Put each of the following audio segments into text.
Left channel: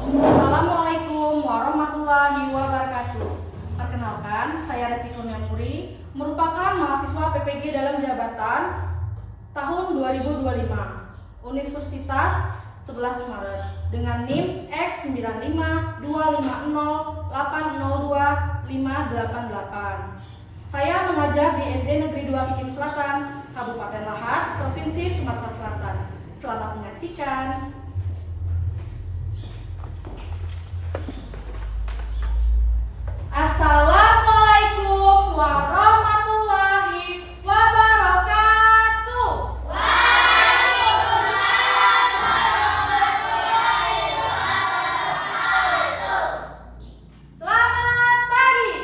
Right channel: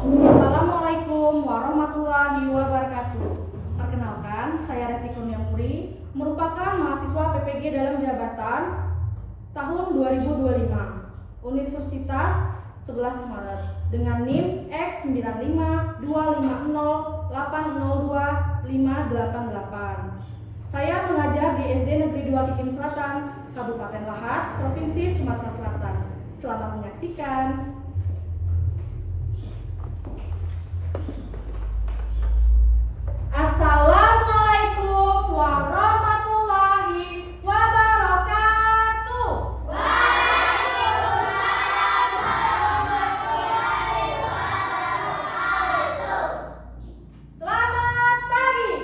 Assalamualaikum warahmatullahi wabarakatuh. Perkenalkan, saya Resti Kurniamuri, merupakan mahasiswa PPG dalam jabatan tahun 2025 Universitas 11 Maret dengan NIM X95250802588. Saya mengajar di SD Negeri 2 Kikim Selatan, Kabupaten Lahat, Provinsi Sumatera Selatan. Selamat menyaksikan. Assalamualaikum warahmatullahi wabarakatuh. Waalaikumsalam warahmatullahi wabarakatuh. Selamat pagi.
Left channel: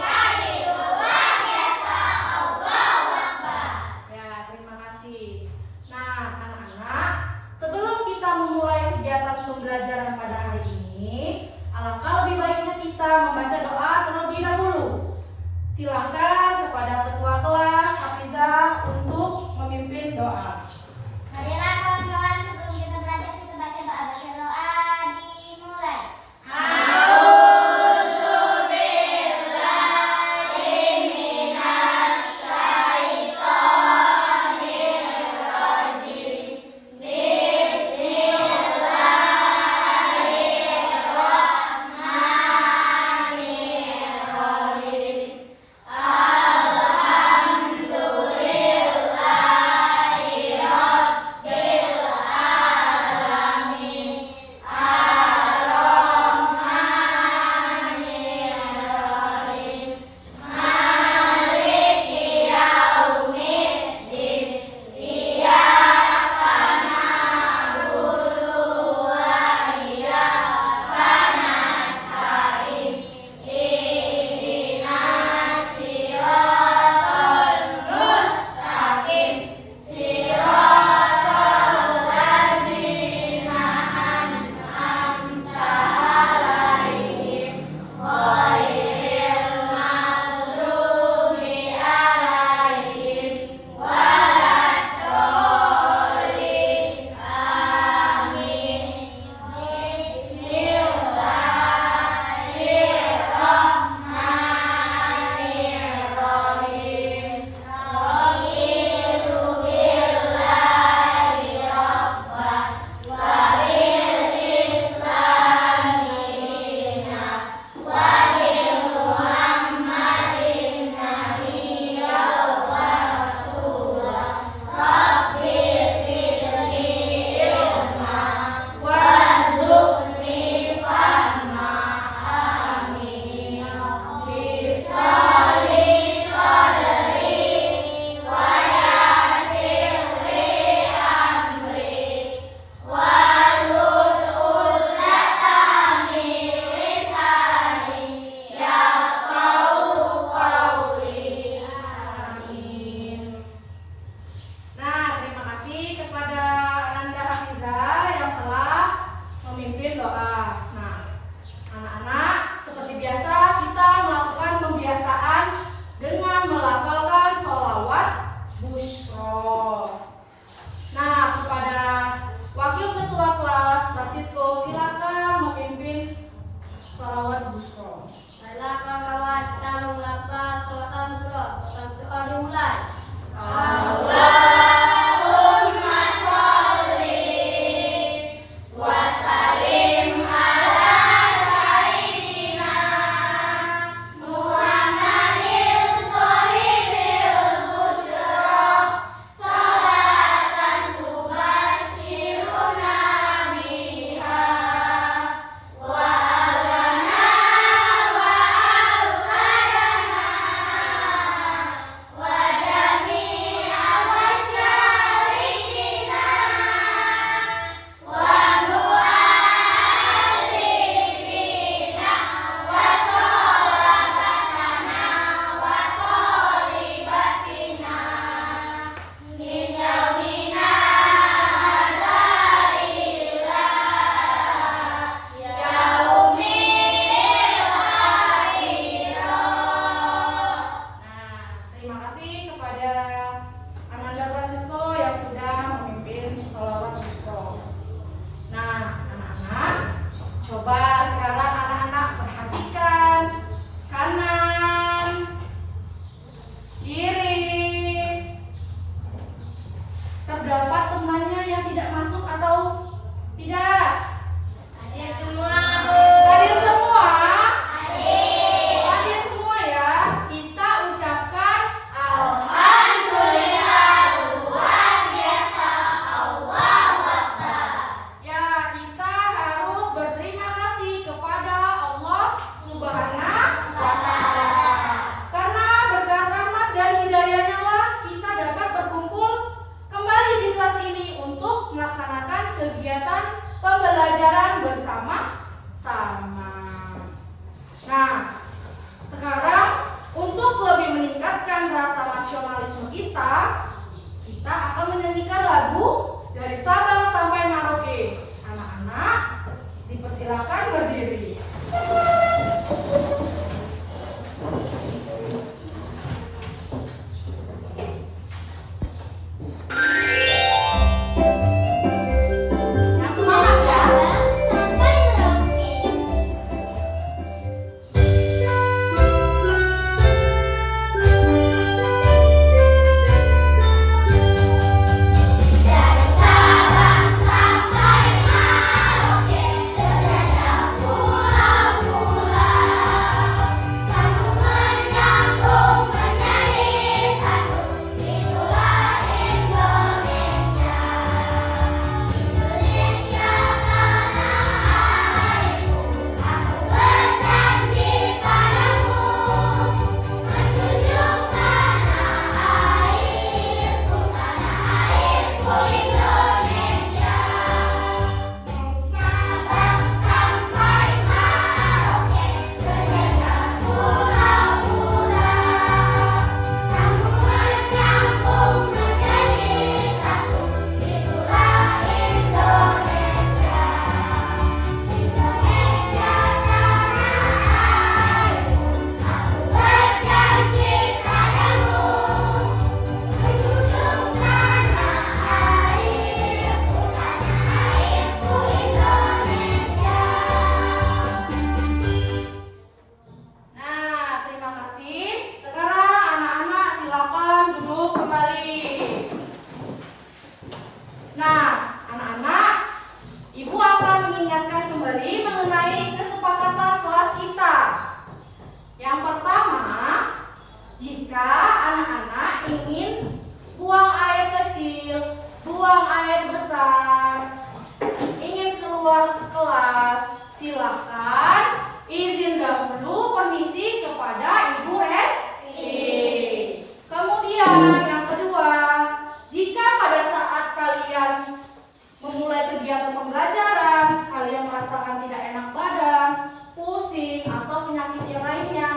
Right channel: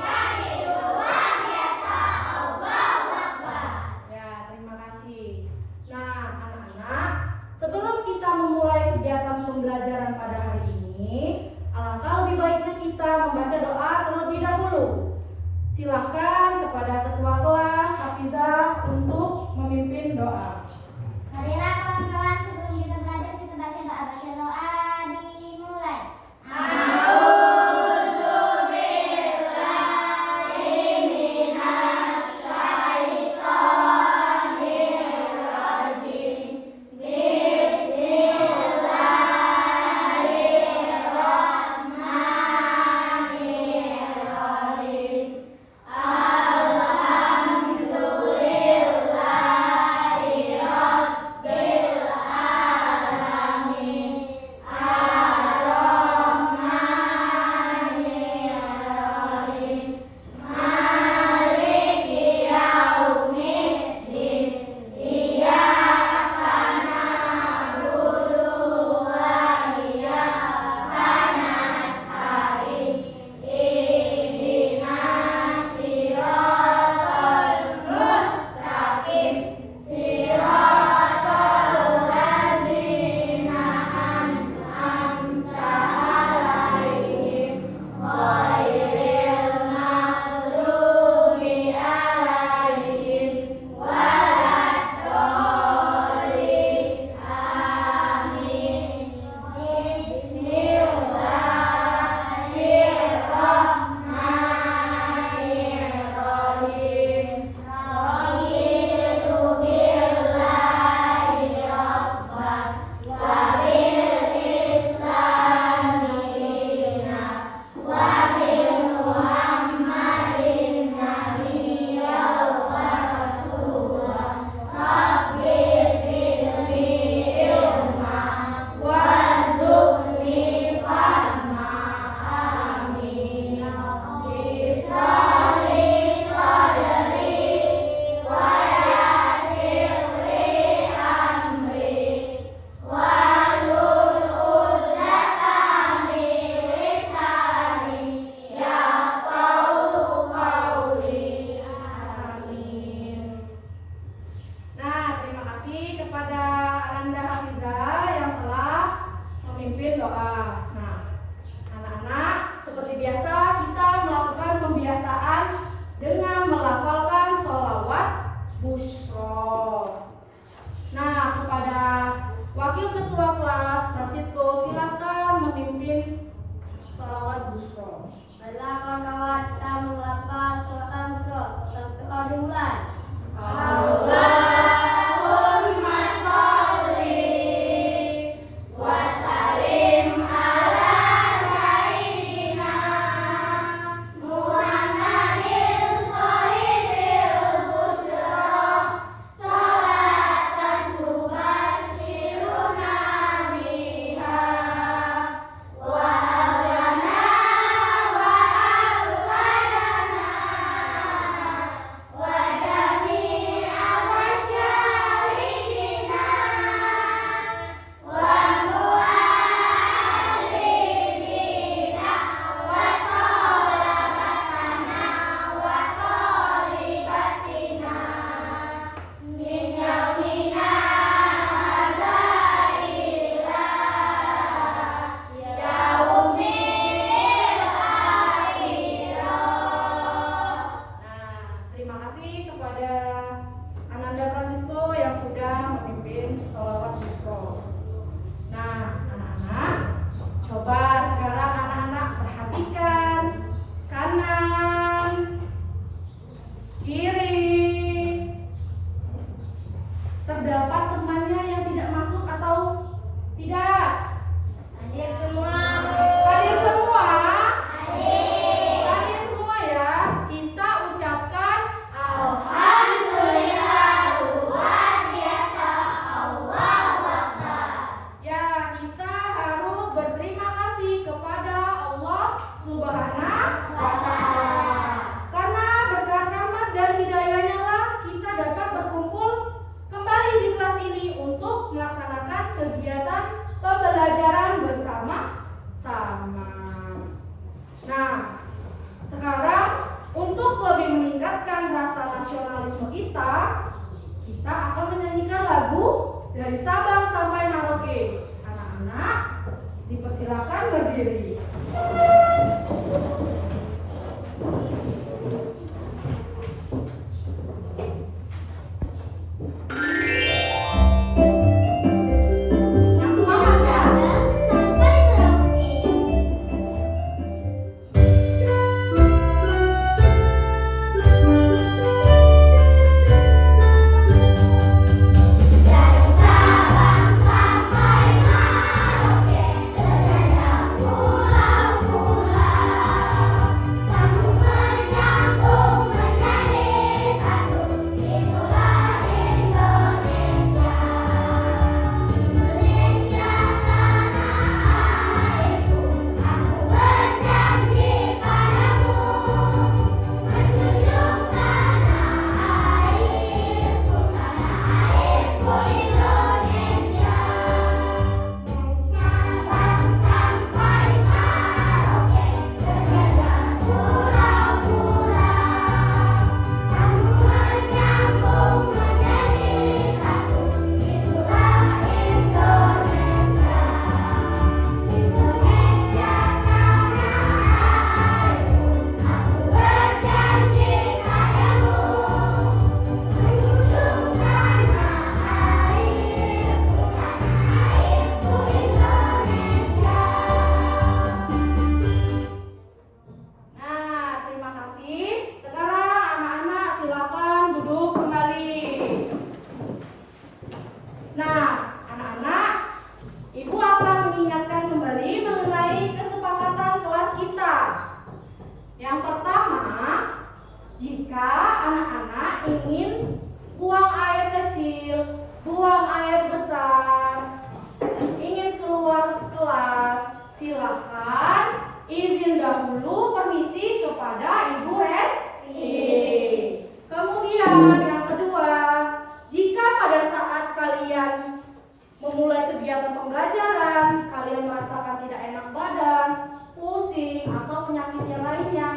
Pagi, luar biasa. Allahu Akbar. Ya, terima kasih. Nah, anak-anak, sebelum kita memulai kegiatan pembelajaran pada hari ini, alangkah lebih baiknya kita membaca doa terlebih dahulu. Silakan kepada ketua kelas Hafizah untuk memimpin doa. Marilah kawan-kawan, sebelum kita belajar kita baca doa. Baca doa dimulai. Bismillahirrahmanirrahim. Coba sekarang anak-anak perhatikan kanan, kiri. Terdapat temannya yang tidak masuk atau tidak? Hadir semua, Bu. Hadir semua? Hadir. Hadir semua ya. Kita ucapkan Alhamdulillah, luar biasa. Allahu Akbar. ya, kita harus berterima kasih kepada Allah Subhanahu wa Ta'ala. Karena berkat rahmat dan hidayahnya lah kita dapat berkumpul kembali di kelas ini untuk melaksanakan kegiatan pembelajaran bersama-sama. Nah, sekarang untuk lebih meningkatkan rasa nasionalisme kita akan menyanyikan lagu dari Sabang sampai Merauke. Anak-anak, dipersilakan berdiri. Yang semangat ya. Sampai Merauke. Dari Sabang sampai Merauke, ternyata pulau-pulau, sambung menyambung menjadi satu. Itulah Indonesia. Indonesia tanah airku, aku berjanji padamu, menjunjung tanah airku Indonesia. Dari Sabang sampai Merauke, ternyata pulau-pulau, sambung menyambung menjadi satu. Itulah Indonesia. Indonesia tanah airku, aku berjanji padamu, menjunjung tanah airku Indonesia. Nah, terima kasih. Sekarang anak-anak silakan duduk kembali. Nah, anak-anak, Ibu akan mengingatkan kembali mengenai kesepakatan kelas kita. Yang pertama, jika anak-anak ingin buang air kecil, buang air besar, ingin keluar kelas, silakan izin dahulu permisi kepada Ibu Resti. Kemudian yang kedua, jika pada saat kalian memulai kegiatan pembelajaran, kalian merasakan tidak enak badan, pusing, atau penyakit yang lainnya,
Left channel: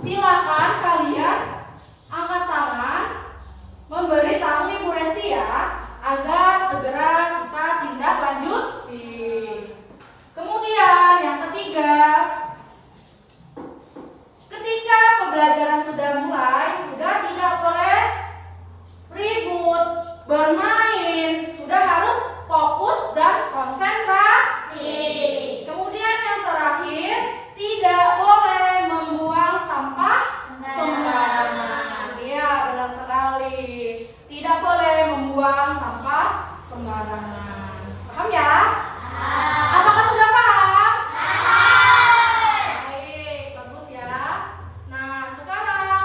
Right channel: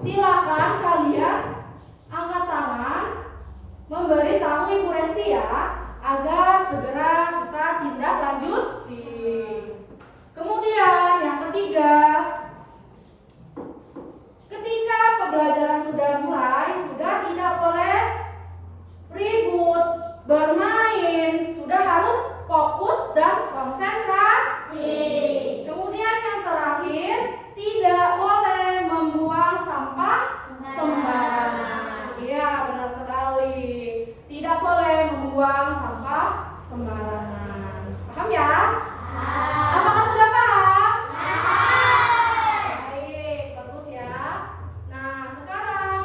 silakan kalian angkat tangan, memberitahu Ibu Resti ya, agar segera kita tindak lanjuti. Kemudian yang ketiga, ketika pembelajaran sudah mulai, sudah tidak boleh ribut, bermain, sudah harus fokus dan konsentrasi. Kemudian yang terakhir, tidak boleh membuang sampah sembarangan. Iya, benar sekali. Tidak boleh membuang sampah sembarangan. Paham ya? Apakah sudah paham? Baik, bagus ya. Nah, sekarang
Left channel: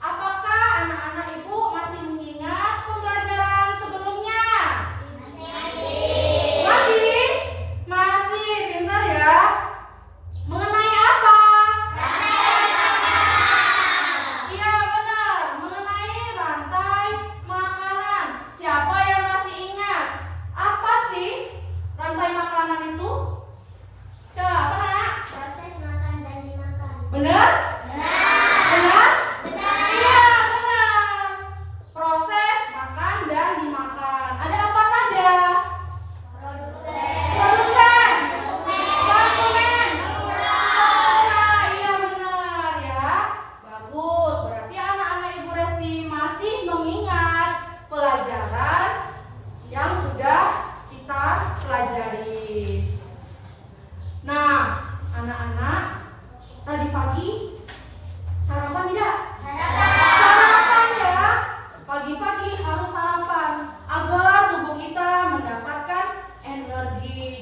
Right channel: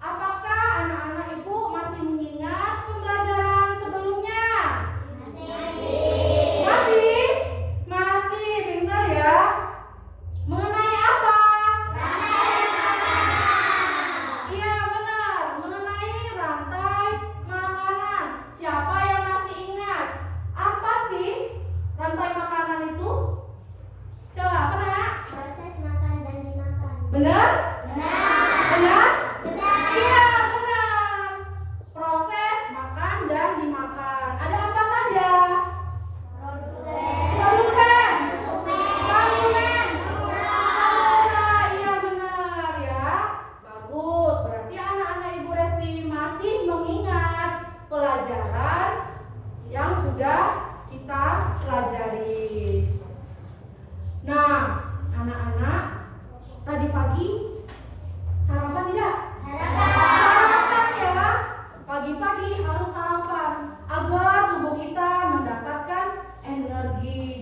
apakah anak-anak Ibu masih mengingat pembelajaran sebelumnya? Masih? Masih, pintar ya. Mengenai apa? Iya, benar. Mengenai rantai makanan. Siapa yang masih ingat? Apa sih rantai makanan itu? Coba, apa nak? Proses makan dan dimakan. Benar? Benar? Benar. Iya, benar. Proses makan dan dimakan. Ada apa saja? Produsen, konsumen, pengguna. Iya, benar ya. Bagus. Berarti anak-anak Ibu Resti masih mengingat pelajaran yang sudah kita pelajari.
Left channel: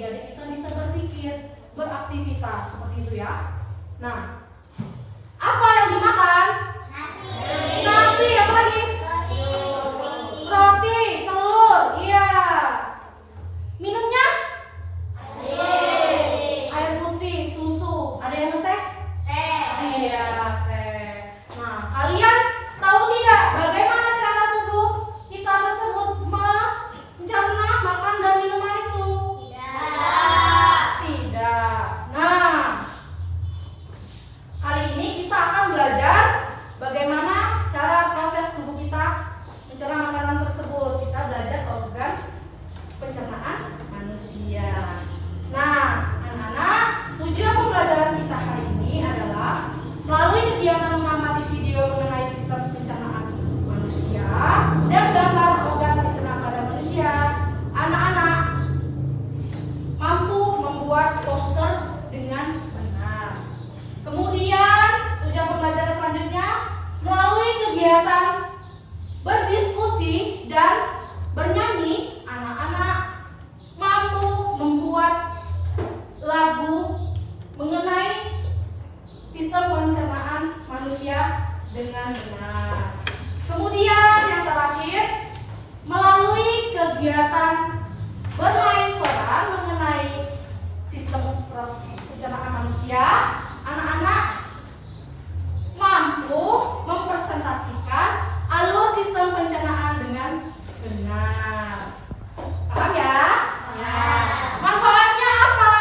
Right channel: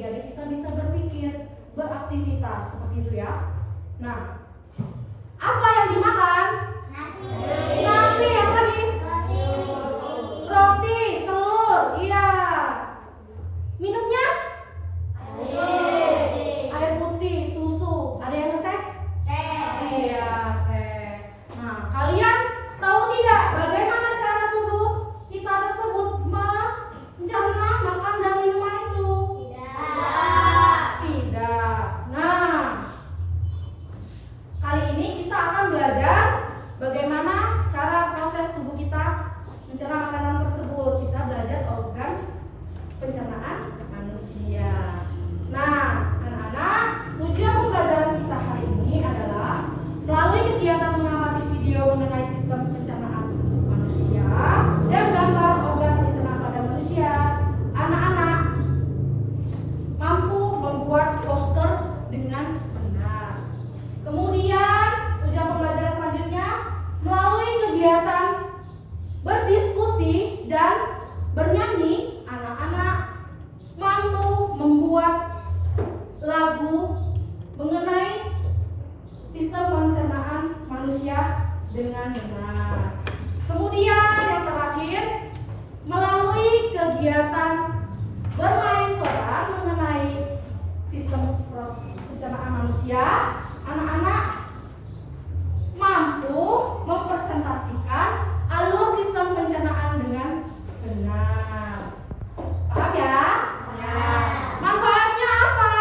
jadi kita bisa berpikir, beraktivitas seperti itu ya. Nah, apa yang dimakan? Nasi, apa lagi? Roti, telur, iya. Minumnya? Air putih, susu. Ada yang ngeteh? Iya, teh. Nah, kalian tahu tidak bagaimana cara tubuh kita tersebut mencerna makan dan minuman itu? Tidak. Nah, kali ini kita akan belajar bagaimana cara proses tubuh kita mencerna makanan tersebut. Kita belajar organ pencernaan manusia. Nah, anak-anak, tujuan pembelajaran kita hari ini adalah melalui kegiatan mengamati video mengenai sistem pencernaan manusia dan gambar organ pencernaan pada manusia. Anak-anak mampu membuat poster dengan benar. Kemudian, tujuan pembelajaran selanjutnya melalui kegiatan berdiskusi dan bernyanyi, anak-anak mampu membuat lagu mengenai sistem pencernaan manusia dengan benar. Kemudian yang terakhir, melalui kegiatan bermain peran mengenai sistem pencernaan manusia, anak-anak mampu mempresentasikan alur sistem pencernaan dengan benar. Paham ya? Ya. Manfaatnya apa?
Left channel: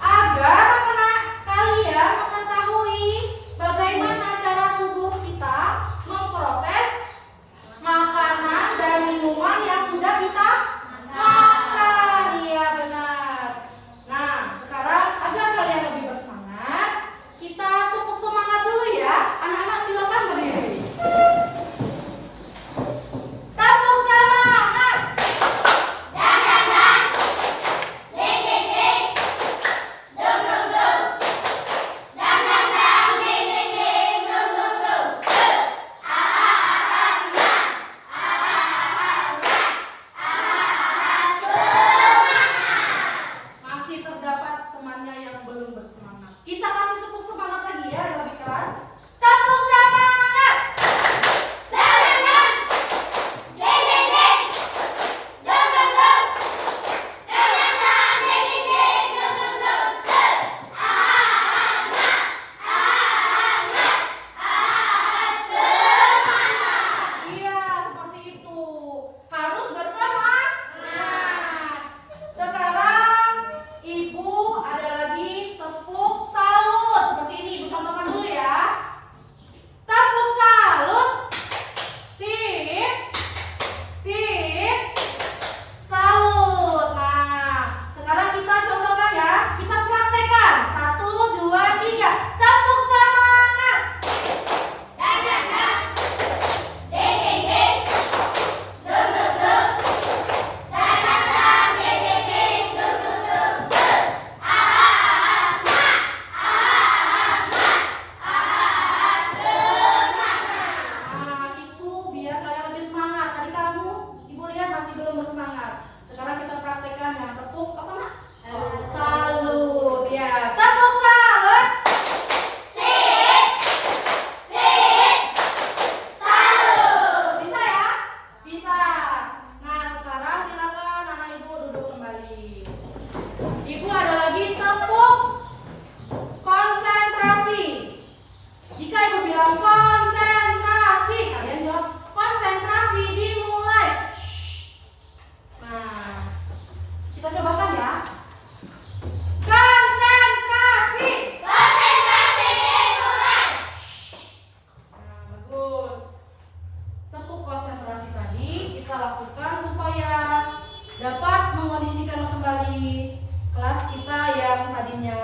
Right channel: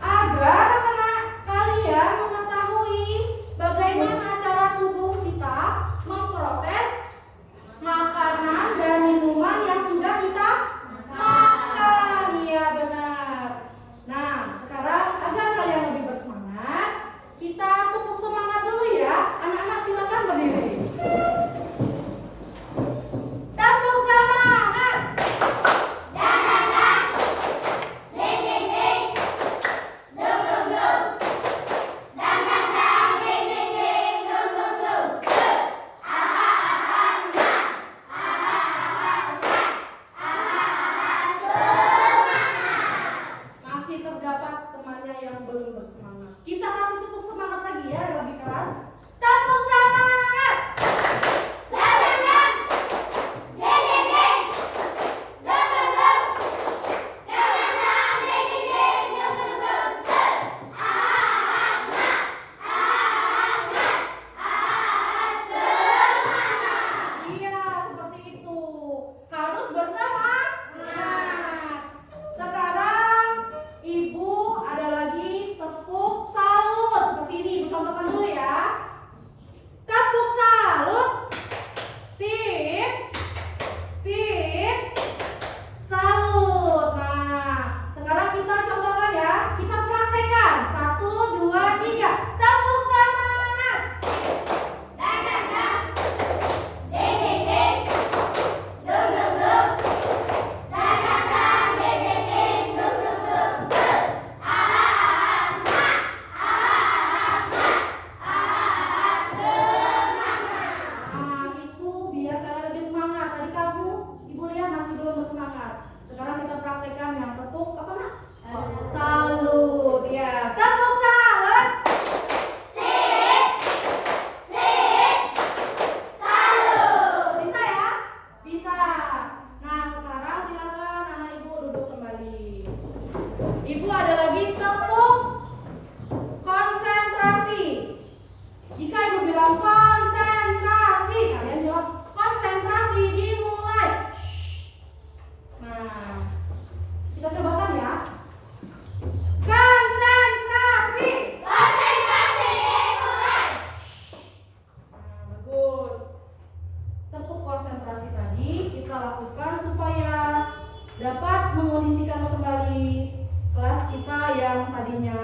Agar anak kalian mengetahui bagaimana cara tubuh kita memproses makanan dan minuman yang sudah kita makan. Iya, benar. Nah, sekarang agar kalian lebih bersemangat, kita tepuk semangat dulu ya. Anak-anak silakan berdiri. Tepuk semangat. Masih terdapat temannya yang belum bersemangat. Kita kasih tepuk semangat lagi ya, yang lebih keras. Tepuk semangat. Iya, seperti itu. Harus bersemangat. Sekarang Ibu ada lagi tepuk salut. Seperti ini, Ibu contohkan dulu ya. Tepuk salut. Sip. Sip. Salut. Nah, sekarang kita contohkan ya. Kita praktekkan. 1, 2, 3. Tepuk semangat. Nah, itu biar kalian lebih semangat. Tadi kamu, Ibu lihat masih belum bersemangat. Sekarang kita praktekkan yang tepuk apa nak? Salut. Ya, tepuk salut. Bisa ya? Bisa. Nah, sekarang silakan anak Ibu duduk kembali. Ibu ada lagi tepuk konsentrasi. Jika Ibu bilang konsentrasi, kalian jawab konsentrasi, dimulai. Nah, kita cobakan ya. Konsentrasi. Nah, bagus. Tepuk konsentrasi tadi kita lakukan supaya dapat mengondisikan kembali kelas kita yang tadinya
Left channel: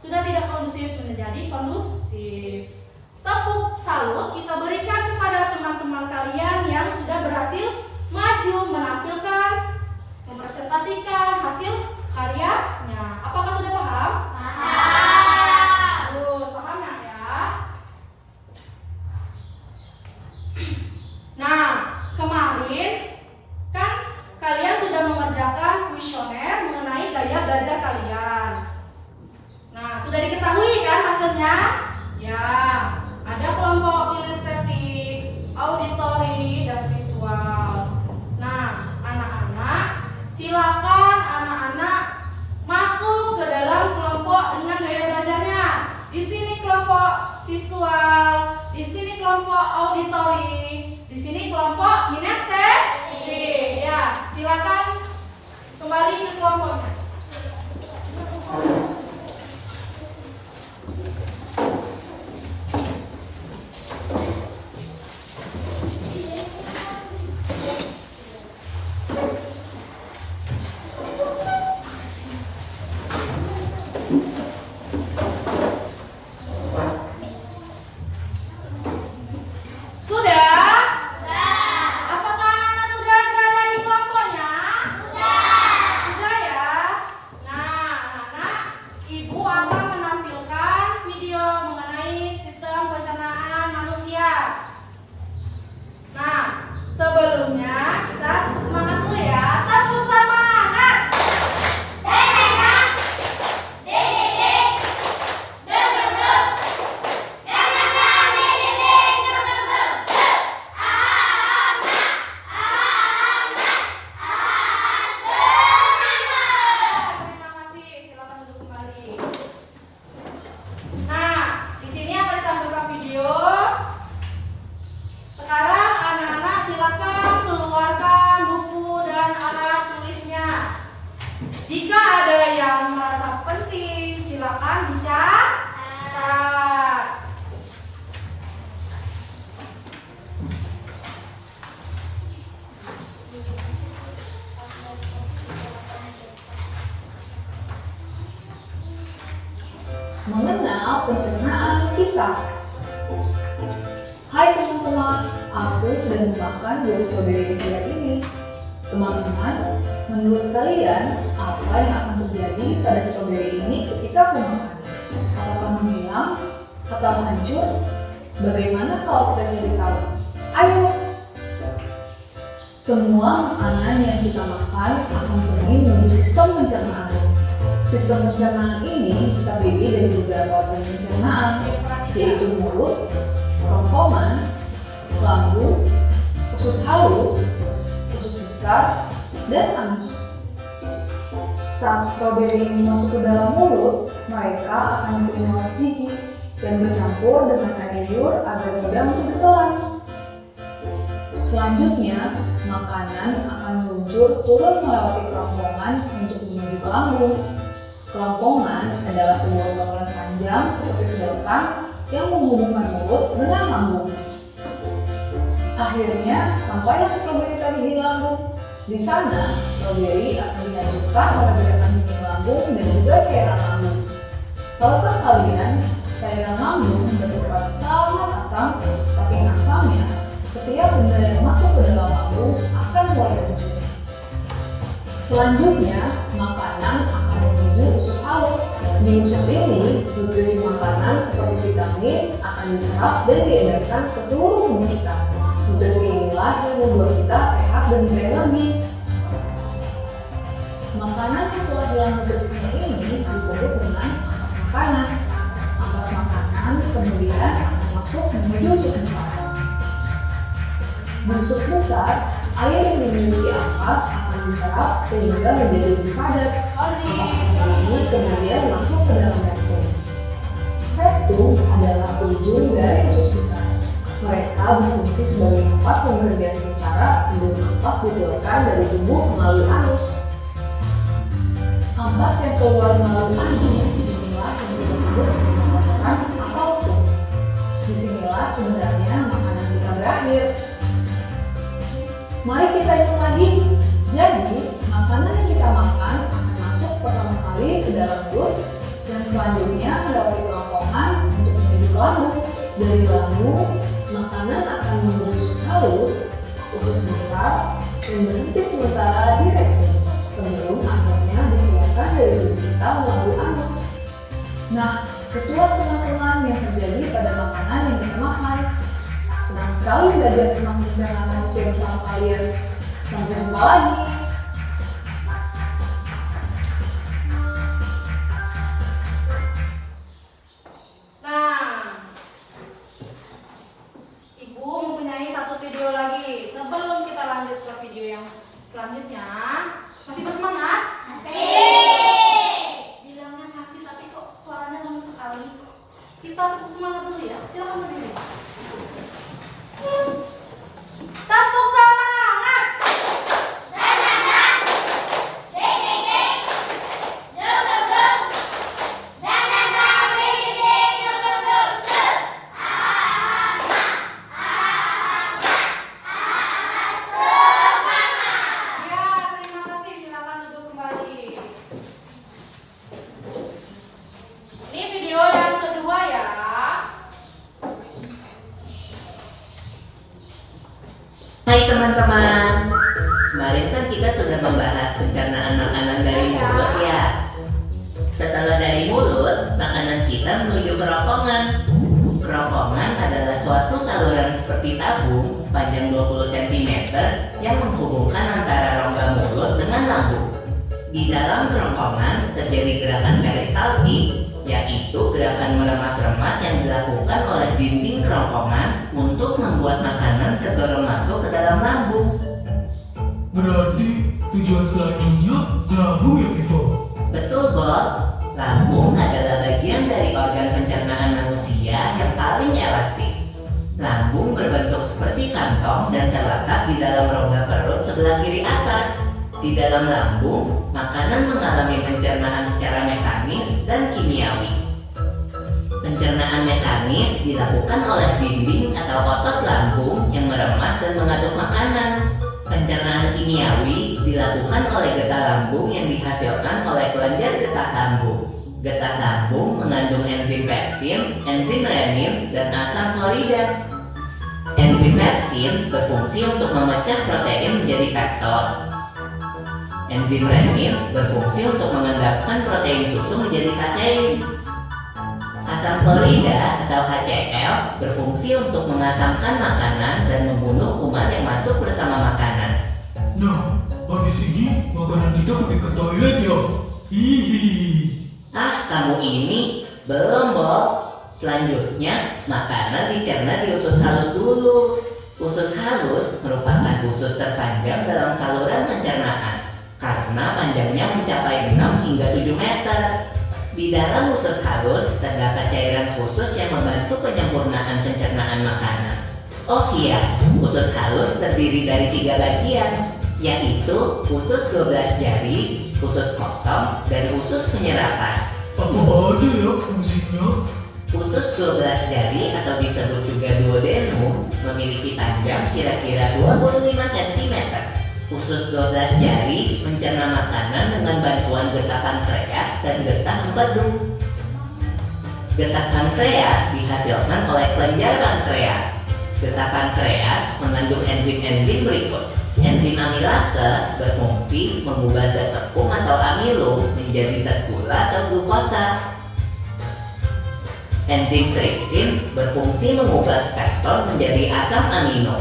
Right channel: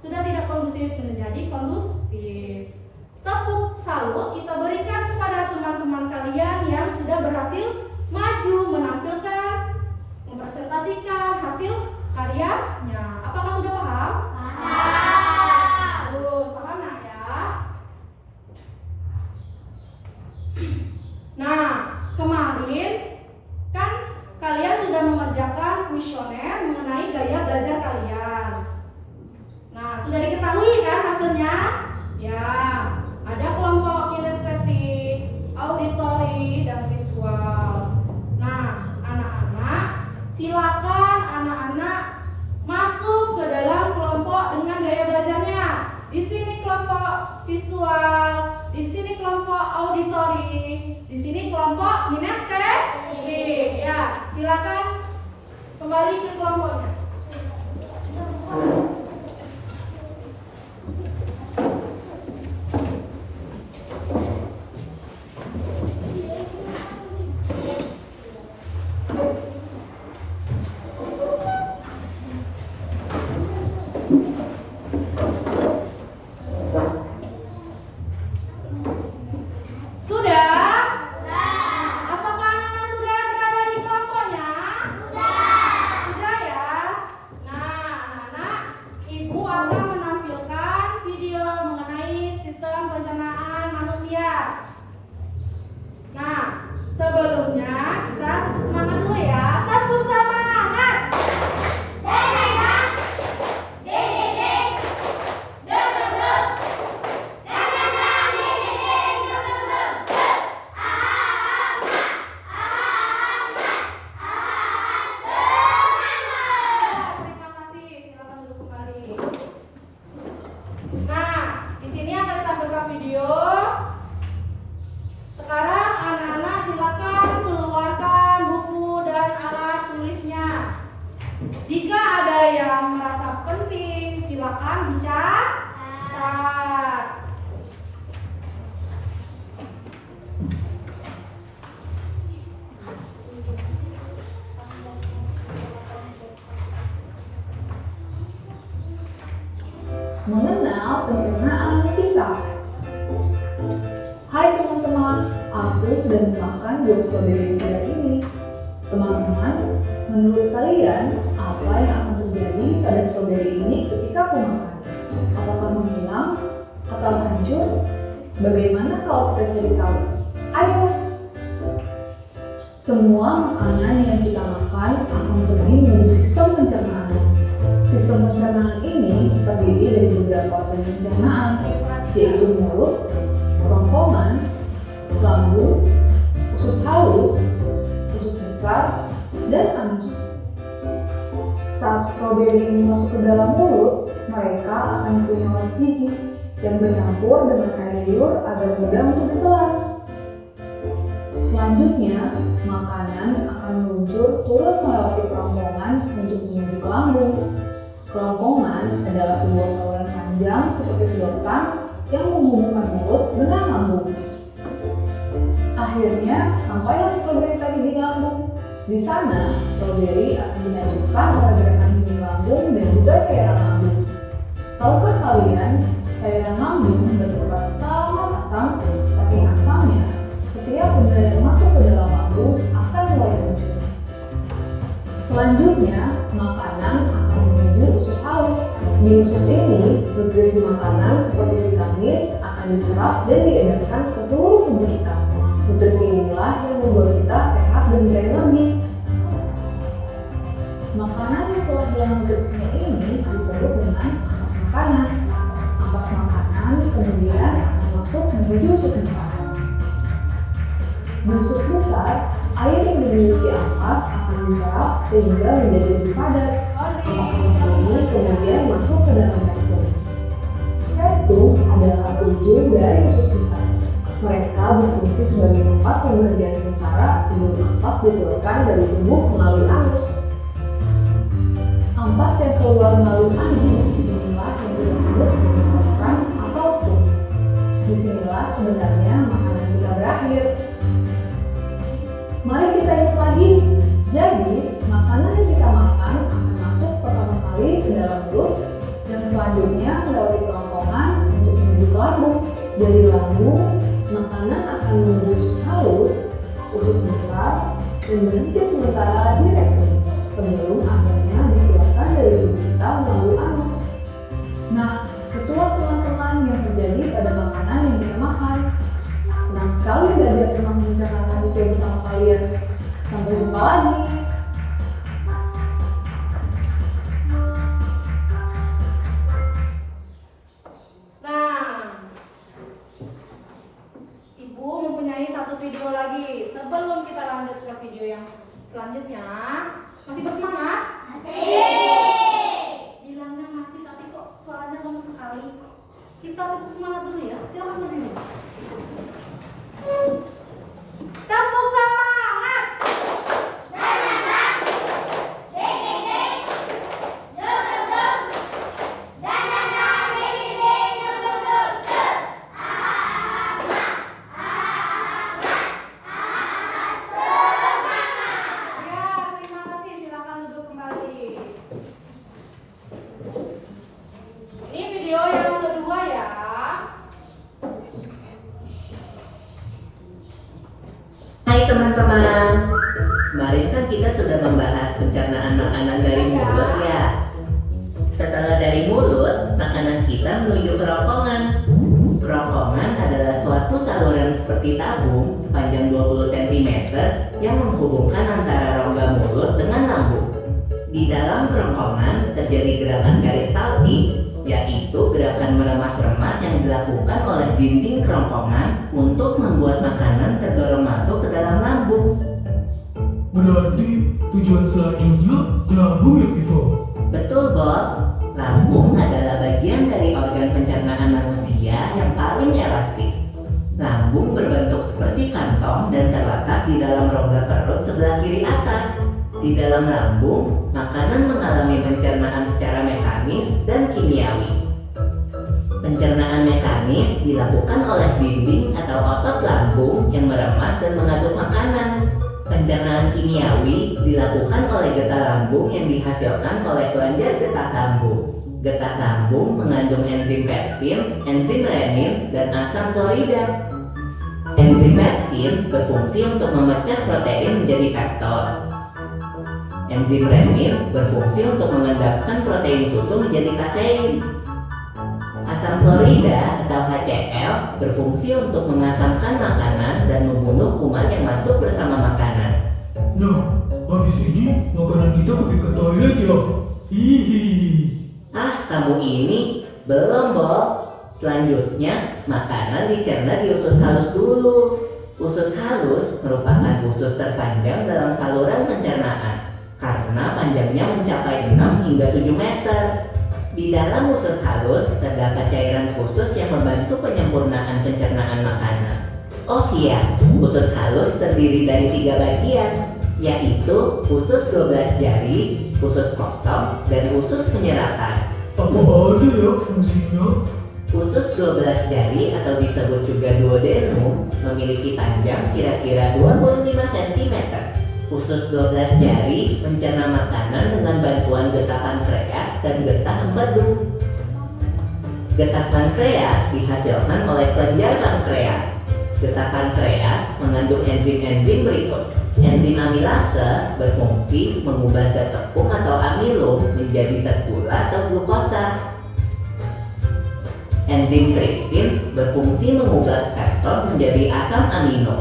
sudah tidak kondusif menjadi kondusif. Tepuk salut kita berikan kepada teman-teman kalian yang sudah berhasil maju menampilkan, mempresentasikan hasil karyanya. Apakah sudah paham? Terus paham ya? Nah, kemarin kan kalian sudah mengerjakan kuesioner mengenai gaya belajar Sudah? Apakah anak-anak sudah berada di kelompoknya? Sudah ya? Nah, anak-anak, Ibu akan menampilkan video mengenai sistem pencernaan manusia. Nah, sebelumnya kita tepuk semangat dulu ya. Tepuk semangat! Terima kasih. Silakan duduk kembali. Nah, di sini akan ditampilkan video. Sekarang anak-anak silakan keluarkan buku dan alat tulisnya. Jika ada yang merasa penting, silakan dicatat. Mengenal pencernaan kita. Hai teman-teman, aku sedang memakan buah stroberi yang segar ini. Teman-teman, menurut kalian apa yang akan terjadi pada stroberi ini ketika aku makan? Apakah menghilang atau hancur? Bagaimana kalau kita cari tahu? Ayo! Semua makanan yang kita makan akan pergi menuju sistem pencernaan. Sistem pencernaan ini terdiri dari beberapa organ pencernaan, yaitu mulut, kerongkongan, lambung, usus halus, usus besar, dan anus. Saat stroberi ini masuk ke dalam mulut, mereka akan dikunyah gigi dan bercampur dengan air liur agar mudah untuk ditelan. Selanjutnya, makanan akan meluncur turun melewati kerongkongan untuk menuju ke lambung. Kerongkongan adalah sebuah saluran panjang seperti sedotan yang menghubungkan mulut dengan lambung. Akhirnya, sampailah stroberi tadi di lambung. Di sana, stroberi akan dihancurkan oleh gerakan dinding lambung dan juga cairan lambung. Tahukah kalian, cairan lambung bersifat sangat asam, saking asamnya, setiap benda yang masuk ke dalam lambung akan mulai hancur. Selanjutnya, makanan akan menuju usus halus. Di usus ini, nutrisi makanan seperti vitamin akan diserap dan diedarkan ke seluruh tubuh kita. Nutrisi inilah yang membuat kita sehat dan berenergi. Makanan yang telah dalam nutrisinya ini disebut dengan ampas makanan. Ampas makanan kemudian akan masuk menuju usus besar. Di usus besar, air yang dimiliki ampas akan diserap sehingga menjadi lebih padat. Ampas-ampas ini kemudian masuk ke dalam rektum. Rektum adalah ujung dari usus besar. Mereka berfungsi sebagai tempat pengerjaan sementara sebelum ampas dikeluarkan dari tubuh melalui anus. Ampas yang keluar melalui anus inilah yang disebut dengan kotoran atau pup. Disinilah sebenarnya makanan kita berakhir. Mari kita ingat lagi. Jadi, makanan yang kita makan akan masuk pertama kali ke dalam mulut dan selanjutnya melewati kerongkongan untuk menuju ke lambung. Dari lambung, makanan akan menuju usus halus, usus besar, dan berhenti sementara di rektum sebelum akhirnya dikeluarkan dari tubuh kita melalui anus. Nah, itulah teman-teman yang terjadi pada makanan yang kita makan. Senang sekali belajar tentang pencernaan manusia bersama kalian. Sampai jumpa lagi. Nah, Ibu mempunyai satu video lagi. Sebelum kita lanjut ke video yang selanjutnya, masih bersemangat? Masih. kemarin kan kita sudah membahas pencernaan makanan dari mulut ya. Setelah dari mulut, makanan kita menuju kerongkongan. Kerongkongan adalah suatu saluran seperti tabung sepanjang 20 cm yang menghubungkan antara rongga mulut dengan lambung. Di dalam kerongkongan terjadi gerakan peristaltik, yaitu gerakan meremas-remas yang dilakukan oleh dinding kerongkongan untuk membuat makanan terdorong masuk ke dalam lambung. Berarti tujuan selanjutnya ke lambung ya Pipo? Betul, Bob. Lambung adalah bagian dari organ pencernaan manusia yang paling elastis. Lambung berbentuk seperti kantong dan terletak di dalam rongga perut sebelah kiri atas. Di dalam lambung, makanan mengalami pencernaan secara mekanis dan kimiawi. Pencernaan mekanis dilakukan oleh dinding atau otot lambung yang meremas dan mengaduk makanan. Pencernaan kimiawi dilakukan oleh getah lambung yang dihasilkan oleh kelenjar getah lambung. Getah lambung mengandung enzim pepsin, enzim renin, dan asam klorida. Enzim pepsin berfungsi untuk memecah protein menjadi peptol. Enzim renin berfungsi untuk mengendapkan protein susu menjadi kasein. Asam klorida atau HCl berfungsi untuk mengasamkan makanan dan membunuh kuman yang masuk bersama makanan. Nah, habis ini makanan kita pergi ke toilet ya? Hihi. Kamu ini belum, Bob. Selanjutnya, makanan dicerna di usus halus dulu. Usus halus merupakan usus terpanjang dalam saluran pencernaan karena panjangnya mencapai 6 hingga 7 meter. Di dalam usus halus terdapat cairan khusus yang membantu penyempurnaan pencernaan makanan. Oh iya, usus halus terdiri dari 3 bagian, yaitu usus 12 jari, usus kosong, dan usus penyerapan. Apa aja ya fungsinya? Usus 12 jari atau disebut juga duodenum memiliki panjang kira-kira 25 cm. Usus 12 jari mencerna makanan dengan bantuan getah pankreas dan getah empedu. Getah pankreas dihasilkan oleh kelenjar pankreas. Getah pankreas mengandung enzim-enzim berikut. Enzim amilase berfungsi mengubah zat tepung atau amilum menjadi zat gula atau glukosa. Enzim tripsin berfungsi mengubah peptol menjadi asam amino.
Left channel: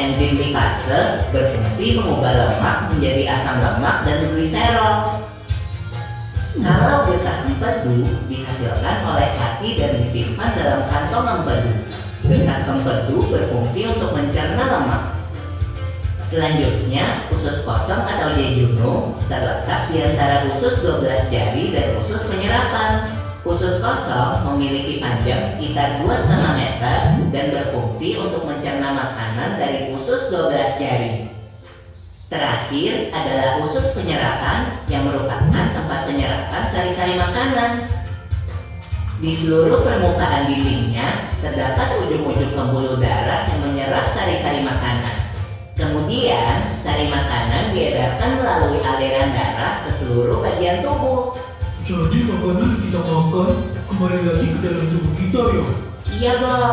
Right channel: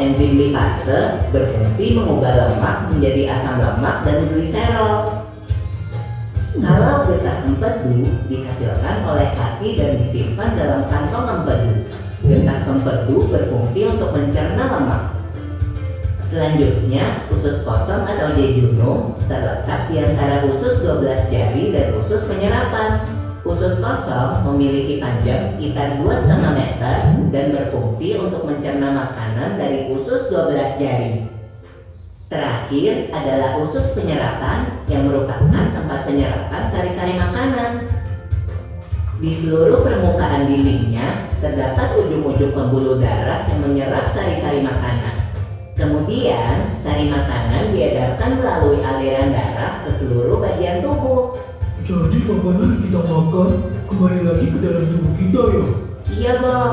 Enzim lipase berfungsi mengubah lemak menjadi asam lemak dan gliserol. Kalau getah empedu dihasilkan oleh hati dan disimpan dalam kantong empedu. Getah empedu berfungsi untuk mencerna lemak. Selanjutnya, usus kosong atau jejunum terletak di antara usus 12 jari dan usus penyerapan. Usus kosong memiliki panjang sekitar 2,5 meter dan berfungsi untuk mencerna makanan dari usus 12 jari. Terakhir adalah usus penyerapan yang merupakan tempat penyerapan sari-sari makanan. Di seluruh permukaan dindingnya terdapat ujung-ujung pembuluh darah yang menyerap sari-sari makanan. Kemudian, sari makanan diedarkan melalui aliran darah ke seluruh bagian tubuh. Jadi makanan yang kita makan kembali lagi ke dalam tubuh kita ya? Iya, Bob.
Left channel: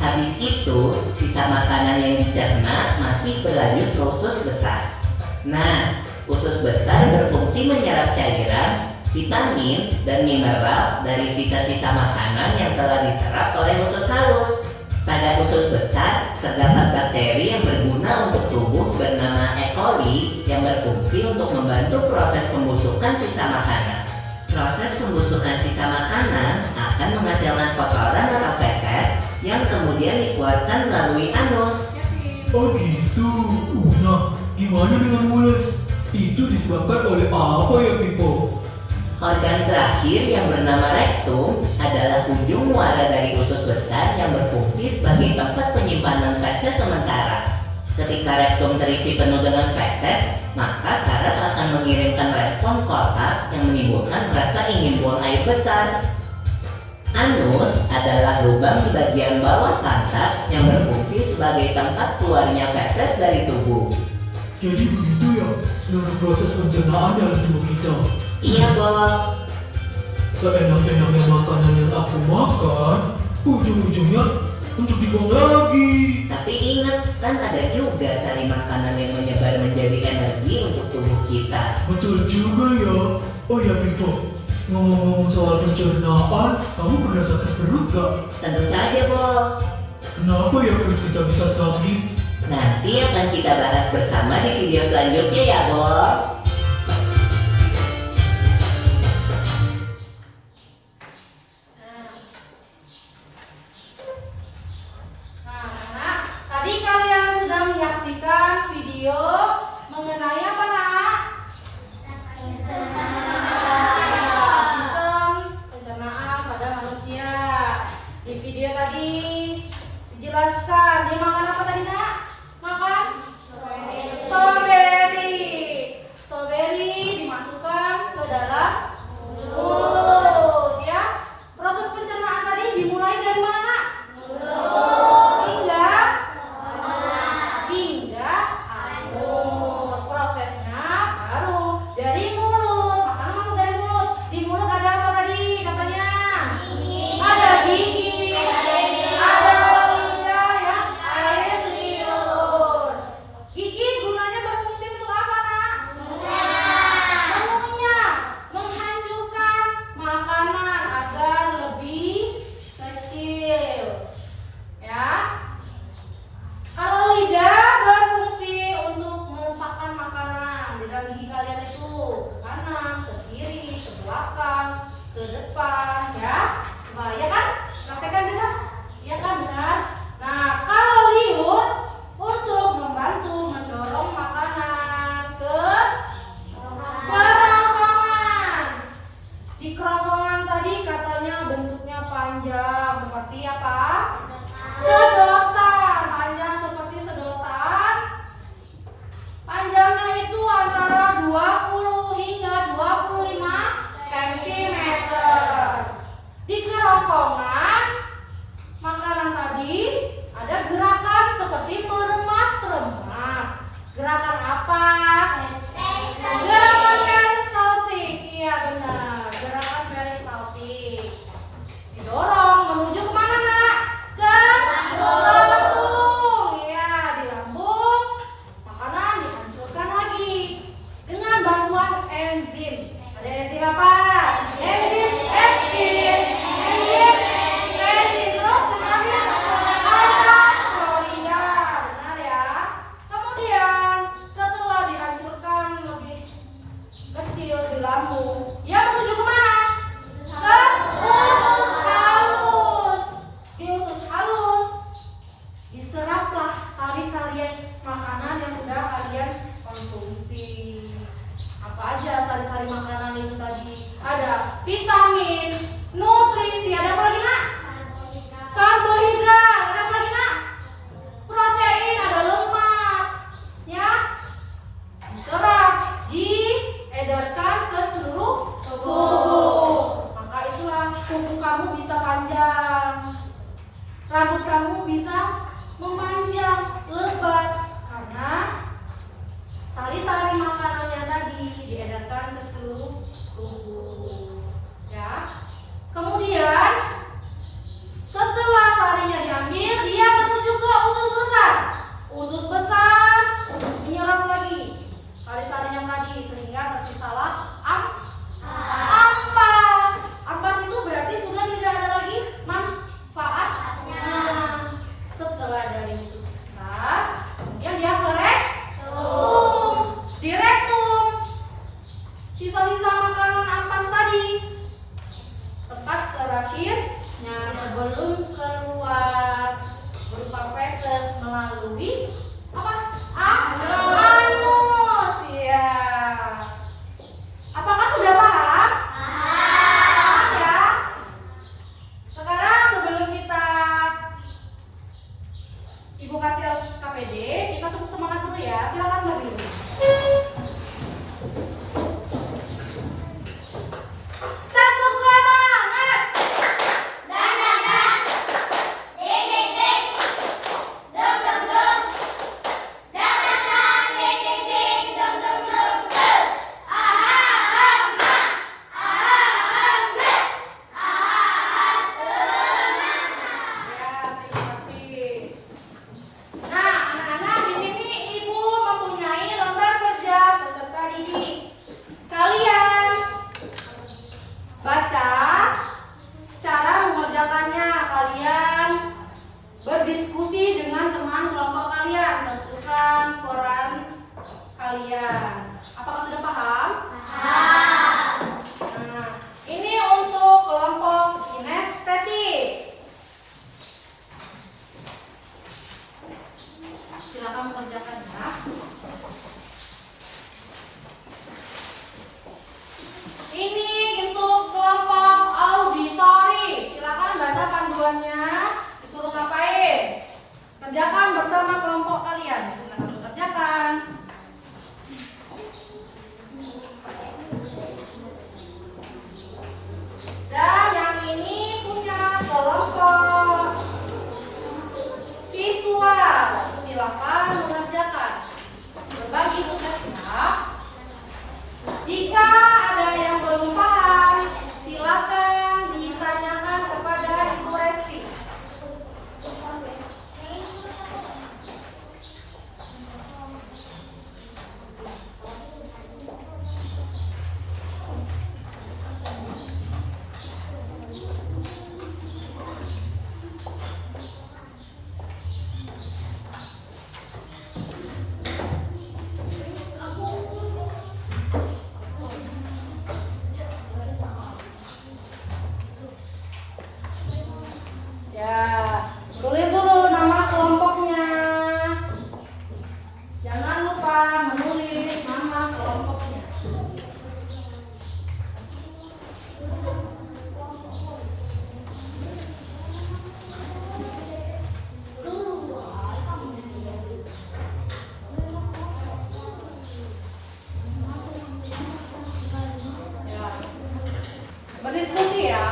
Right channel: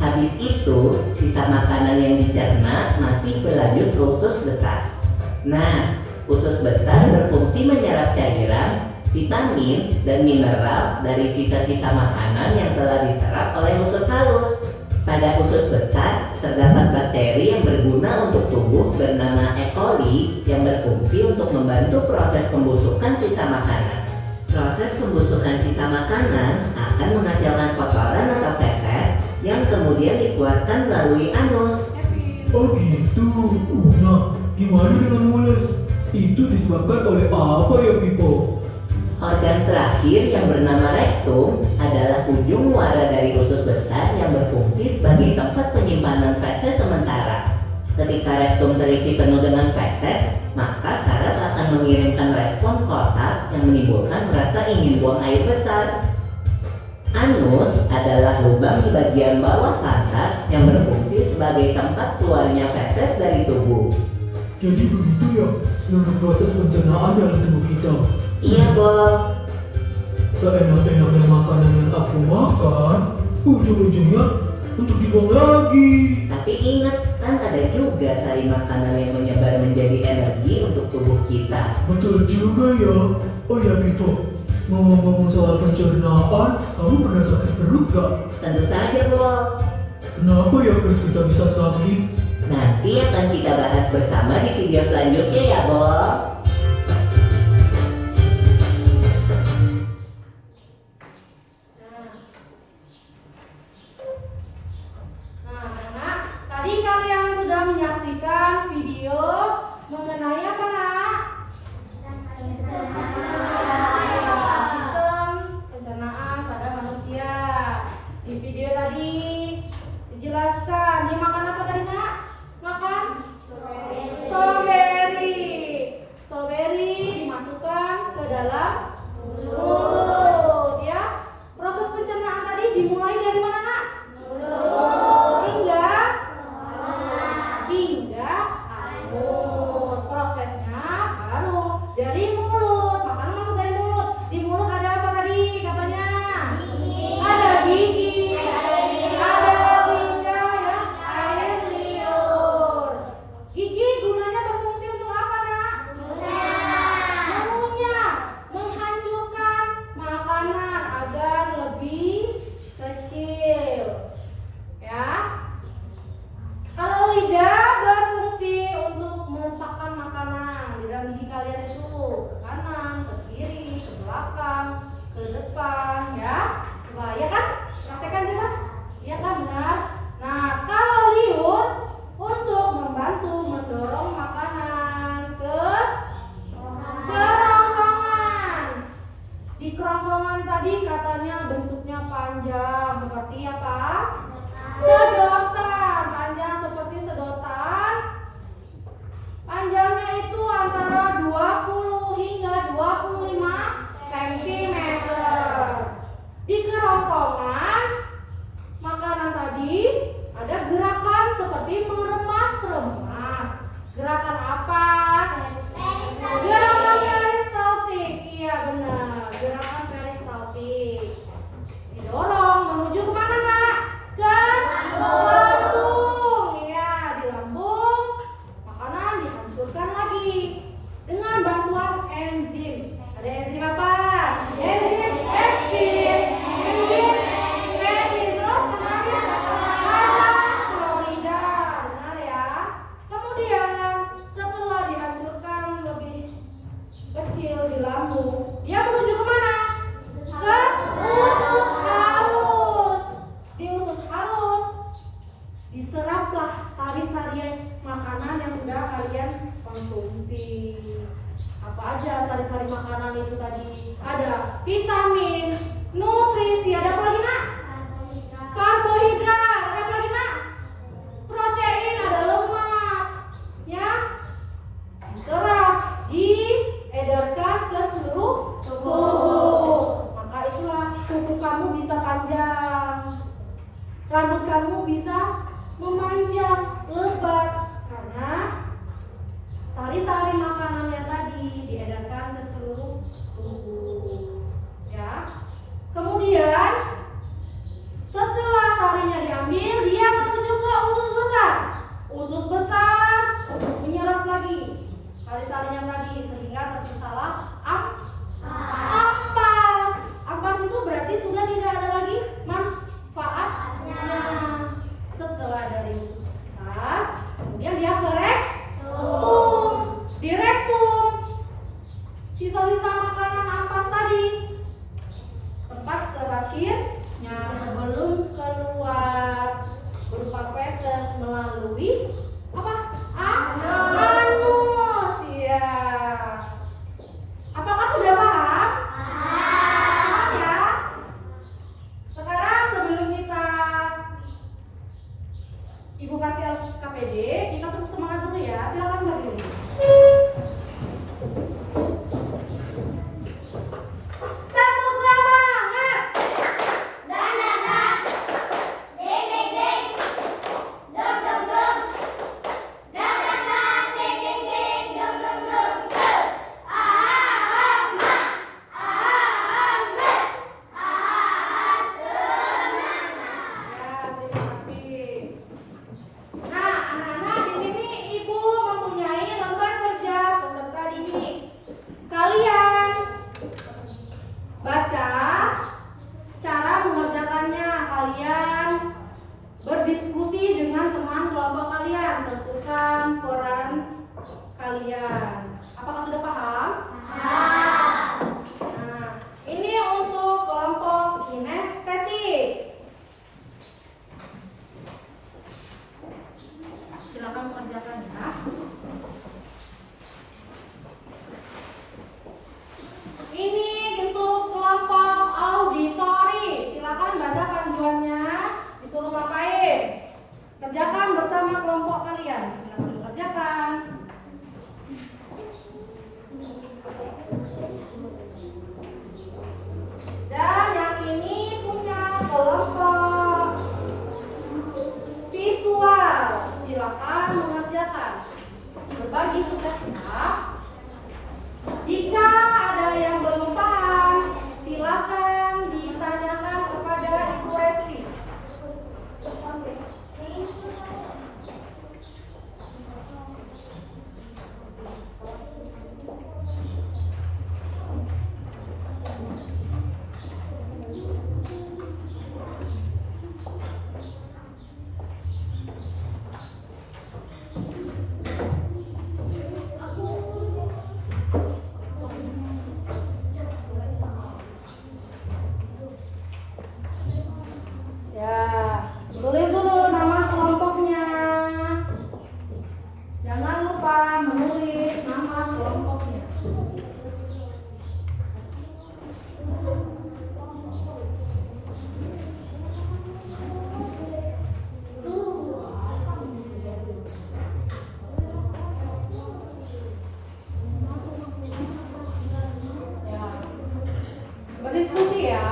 Habis itu, sisa makanan yang dicerna masih berlanjut ke usus besar. Nah, usus besar berfungsi menyerap cairan, vitamin, dan mineral dari sisa-sisa makanan yang telah diserap oleh usus halus. Pada usus besar, terdapat bakteri yang berguna untuk tubuh bernama E. coli yang berfungsi untuk membantu proses pembusukan sisa makanan. Proses pembusukan sisa makanan akan menghasilkan kotoran atau feses yang kemudian dikeluarkan melalui anus. Oh gitu. Nah, gimana dengan mules? Itu disebabkan oleh apa ya Pipo? Organ terakhir yang bernama rektum adalah ujung muara dari usus besar yang berfungsi sebagai tempat penyimpanan feses sementara. Ketika rektum terisi penuh dengan feses, maka saraf akan mengirimkan respon kotak yang menimbulkan rasa ingin buang air besar. Anus adalah lubang di bagian bawah pantat yang berfungsi sebagai tempat keluarnya feses dari tubuh. Jadi begitu ya seluruh proses pencernaan dalam tubuh kita. Iya, Bob. Seenak-enaknya makanan yang aku makan, ujung-ujungnya untuk dibuang lagi. Tapi Tapi ingat, kan ada juga sari makanan yang menyebar menjadi energi untuk tubuh kita. Betul juga ya. Oh ya Bimbo, ngomong-ngomong soal pencernaan, kamu pernah sakit perut gak? Tentu saja, Bo. Kenapa ya perut kita bisa sakit? Nanti akan kita bahas bersama di video selanjutnya ya, Bo. Nah, anak, tadi kalian sudah menyaksikan video mengenai apa, nak? Sistem pencernaan pada manusia. Di video tadi dijelaskan dia makan apa tadi, nak? Makan strawberry. Strawberry dimasukkan ke dalam mulut, ya. Proses pencernaan tadi dimulai dari mana, nak? Hingga anus. Prosesnya baru dari mulut. Makanan masuk dari mulut. Di mulut ada apa tadi katanya? Ada gigi, ada lidah, ya, air liur. Gigi gunanya berfungsi untuk apa, nak? Mengunyah, menghancurkan makanan agar lebih kecil, ya. Kalau lidah berfungsi untuk menempatkan makanan di dalam gigi kalian itu ke kanan, ke kiri, ke belakang, ke depan, ya. Wah, ya kan? Praktekkan juga? Ya kan, benar? Nah, kalau liur untuk membantu mendorong makanan ke kerongkongan. Di kerongkongan tadi katanya bentuknya panjang seperti apa? Sedotan, panjang seperti sedotan. Panjangnya itu antara 20 hingga 25 cm. Di kerongkongan makanan tadi ada gerakan seperti meremas-remas. Gerakan apa? Gerakan peristaltik. Iya benar, gerakan peristaltik. Didorong menuju kemana, nak? Ke lambung. Ya, di lambung makanan dihancurkan lagi dengan bantuan enzim. Ada enzim apa? Enzim pepsin, enzim renin, terus enzim asam klorida. Benar ya. Kemudian setelah dihancurkan lebih kecil di lambung, dia menuju kemana? Ke usus halus. Di usus halus diseraplah sari-sari makanan yang sudah kalian konsumsi. Apa aja sari-sari makanan itu tadi? Ada vitamin, nutrisi, ada apa lagi, nak? Karbohidrat, ada apa lagi, nak? Protein, ada lemak, ya. Diserap, diedarkan ke seluruh tubuh. Maka itulah kuku kamu bisa panjang, rambut kamu bisa memanjang, lebat, karena sari-sari makanan yang tadi diedarkan ke seluruh tubuh, ya. Kemudian setelah sarinya diambil, dia menuju ke usus besar. Usus besar menyerap lagi sari-sarinya tadi sehingga tersisalah ampas. Ampas itu berarti sudah tidak ada lagi manfaatnya. Setelah dari usus besar, kemudian dia ke rektum. Di rektum sisa-sisa makanan ampas tadi, tempat terakhirnya sebelum keluar berupa feses melalui apa? Anus, ya. Apakah sudah paham? Paham ya. Sekarang sebelum kita Ibu kasih KPD, kita tepuk semangat dulu ya. Silakan berdiri. Tepuk semangat. Dan dang dang, ding ding ding, dum dum dum, baca cara mengerjakannya. Kalian berdiskusi dengan teman kelompok kalian, tentukan peran kalian. Apakah sudah paham? Nah, ini untuk kelompok kinestetik. Silakan mengerjakan ya. Ini untuk kelompok auditori. Silakan baca panduannya. Disuruh ngapain? Kerjakan bersama kelompok kalian. Silakan mengerjakan. Dan yang ini punya kelompok visual. Silakan mengerjakan. Berbagi tugasnya. Jika ada yang belum paham, silakan ditanyakan kepada Ibu Resti. Ya, tulis dulu nama kelompoknya. Jangan lupa menulis nama kelompoknya. Ya. Berdiskusi ya.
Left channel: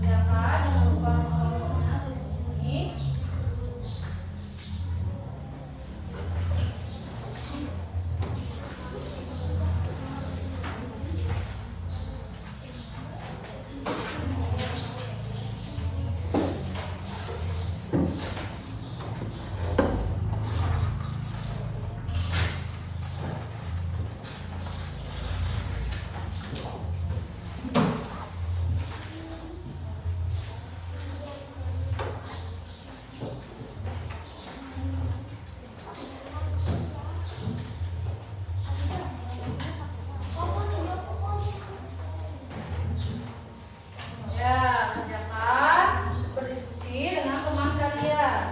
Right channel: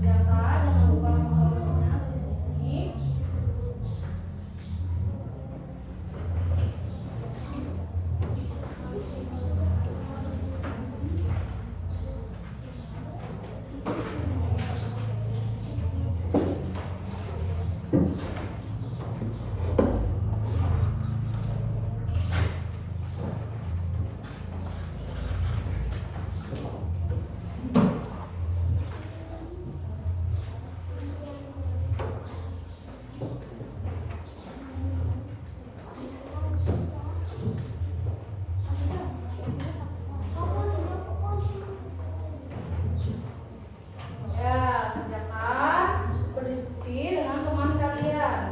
Jangan lupa nomornya di sini. Ya, kerjakan berdiskusi dengan teman kalian.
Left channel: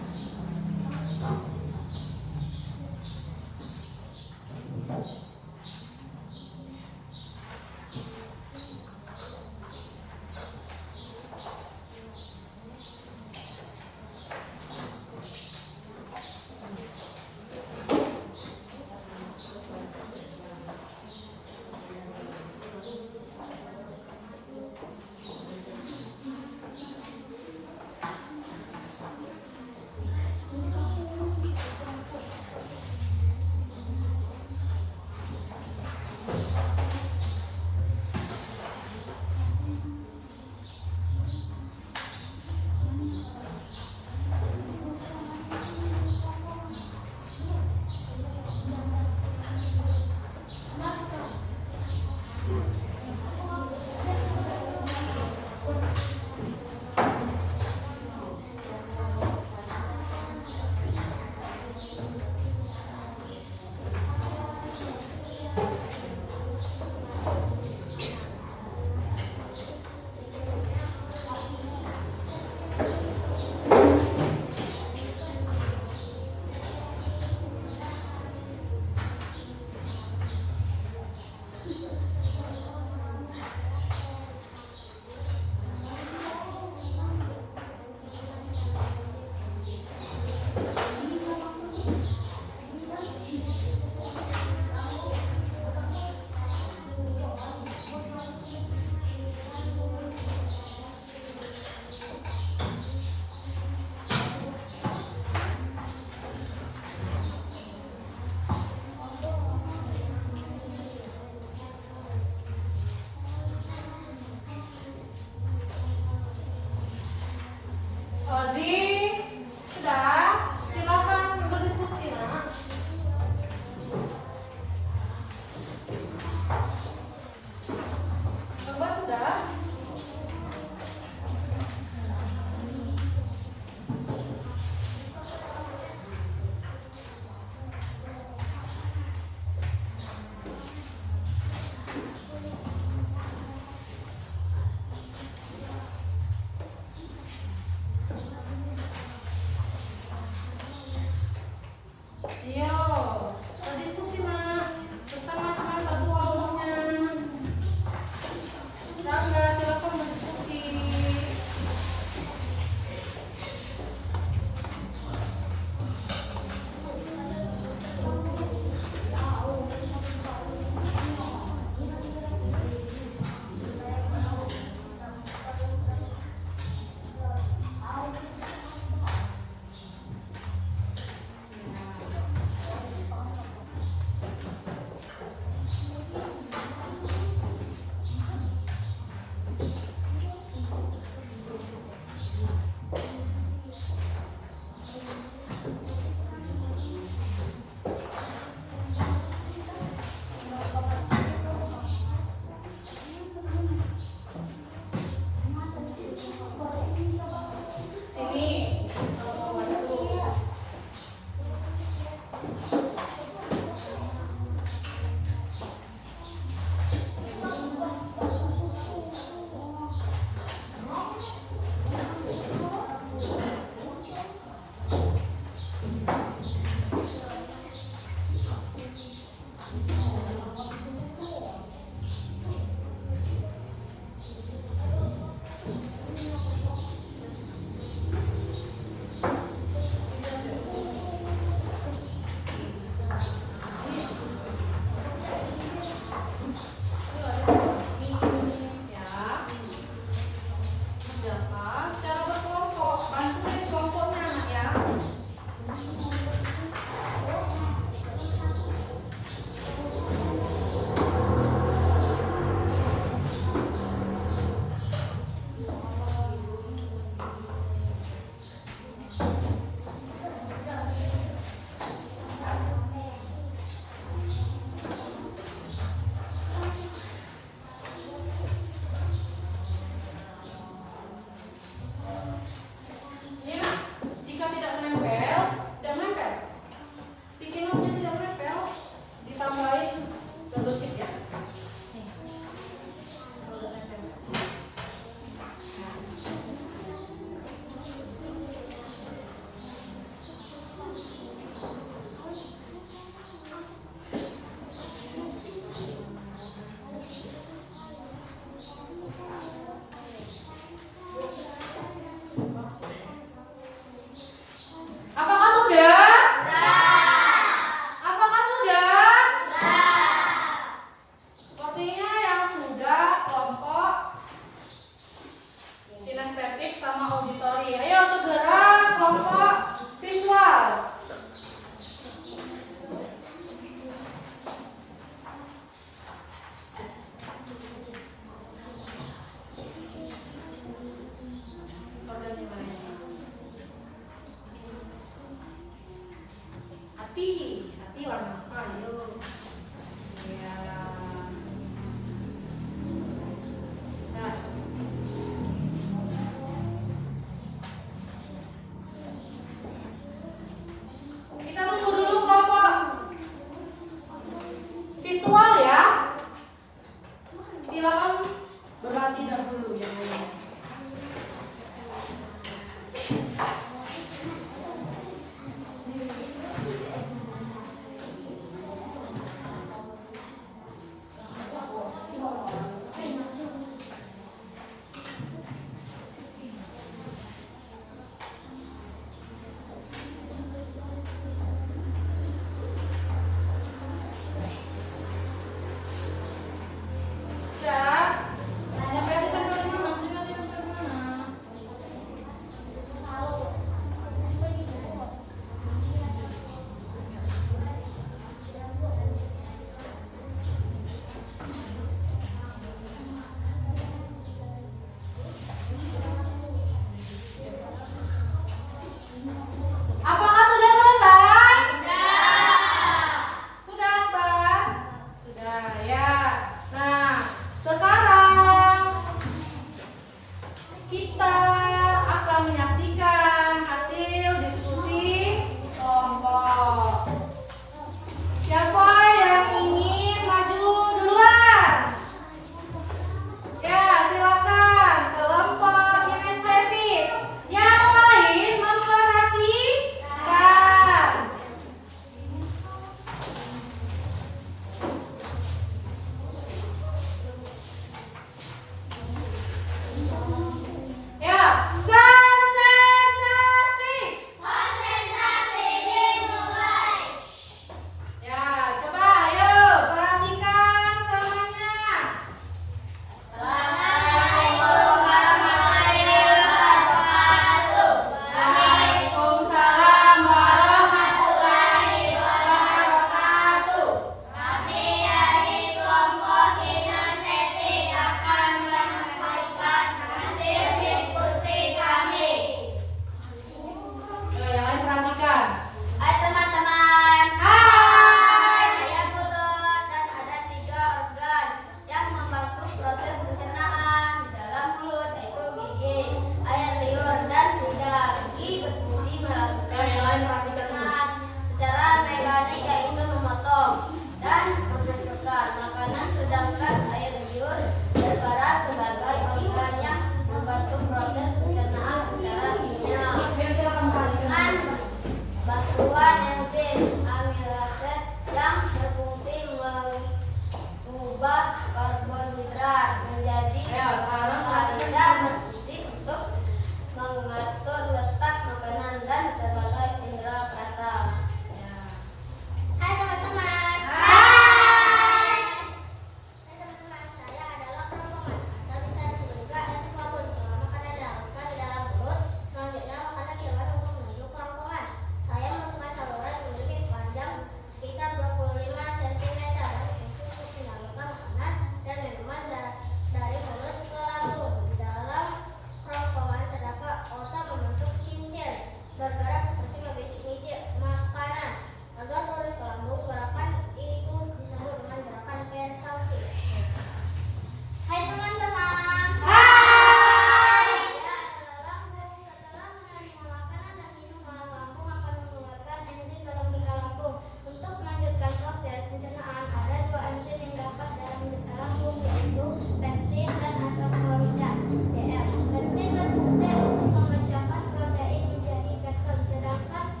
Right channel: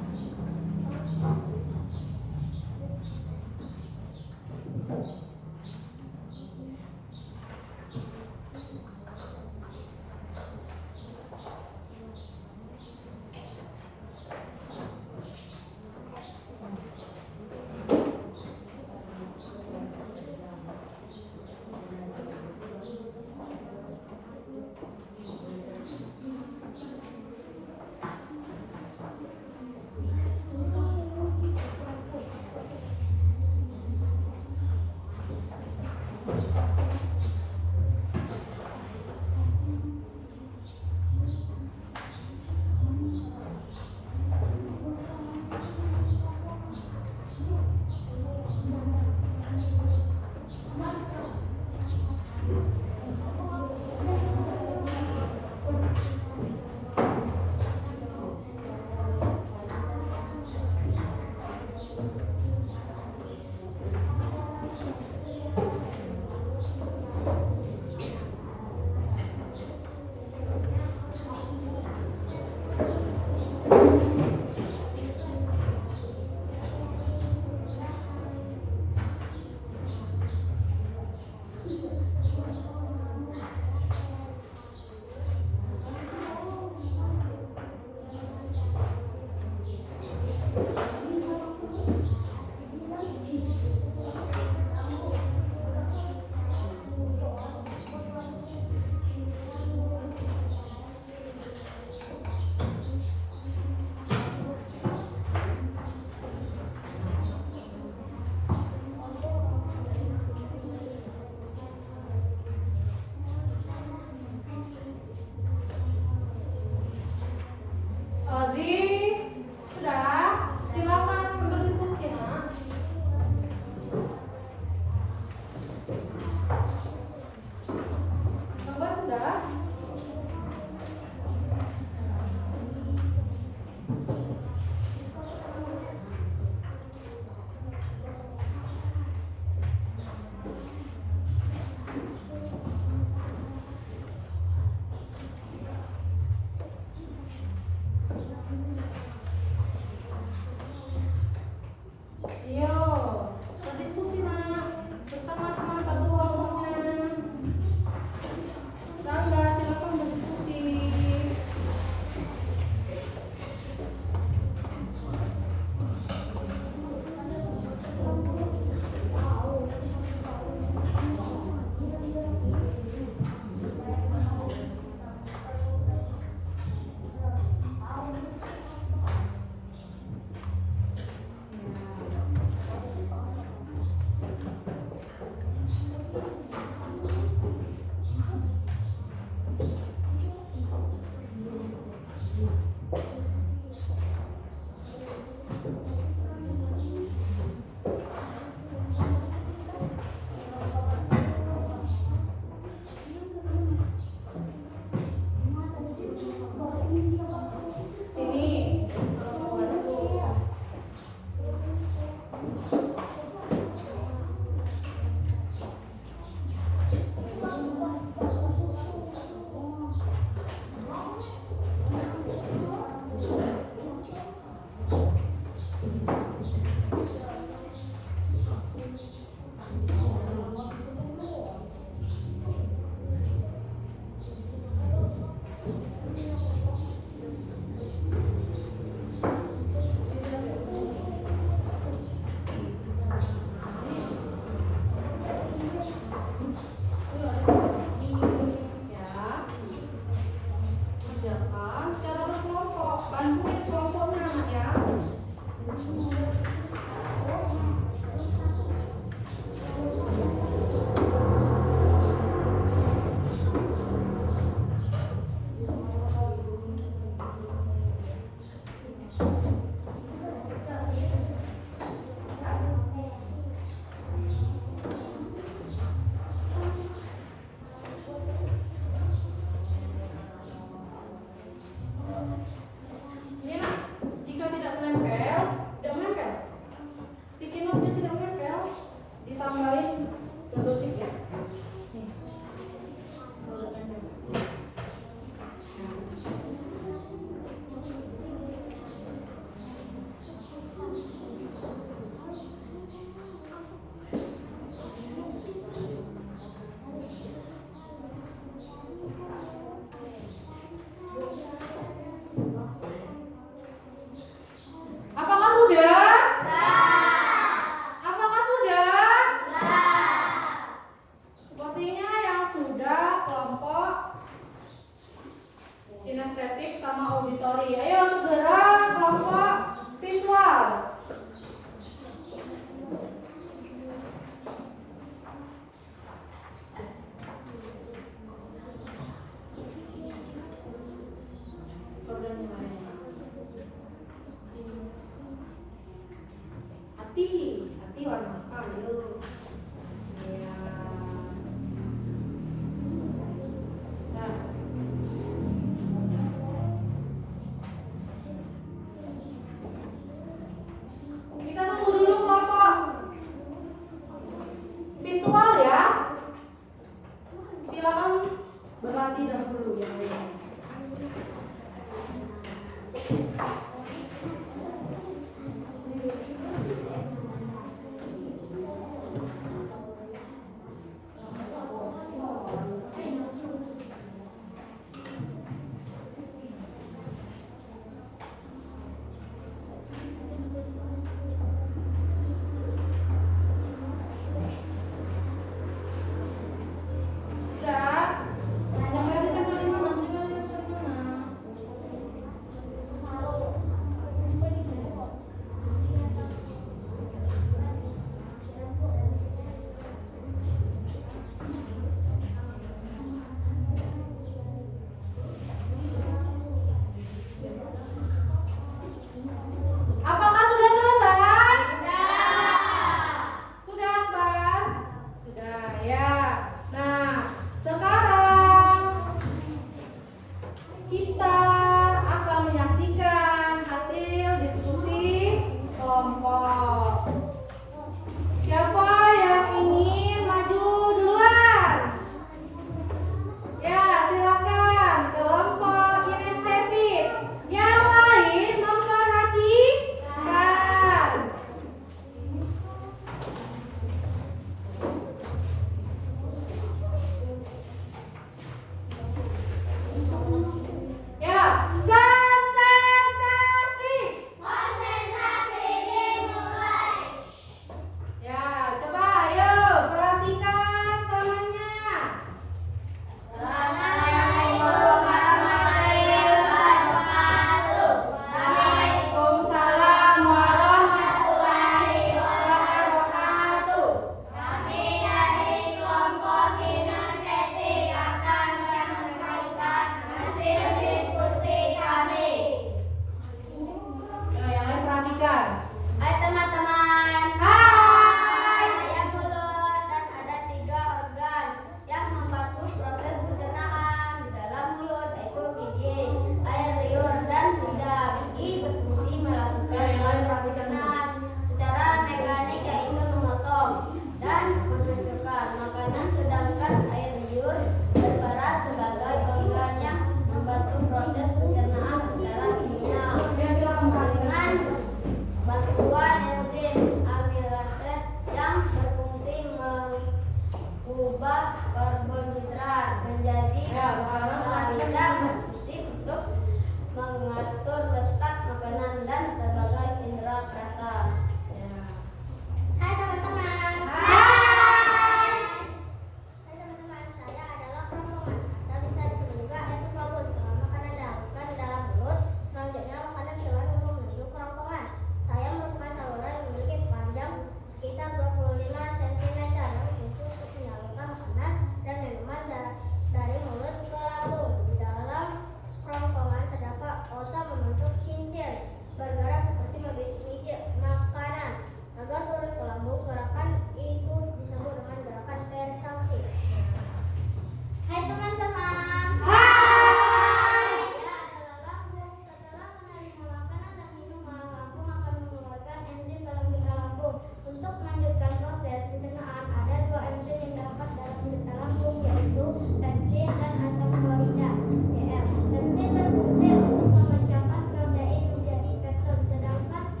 pencernaan. Ada dua enzim yang dapat dalam lambung, yaitu pepsin dan asam klorida Cl. Pepsin berfungsi untuk memecahkan protein menjadi peptid, sedangkan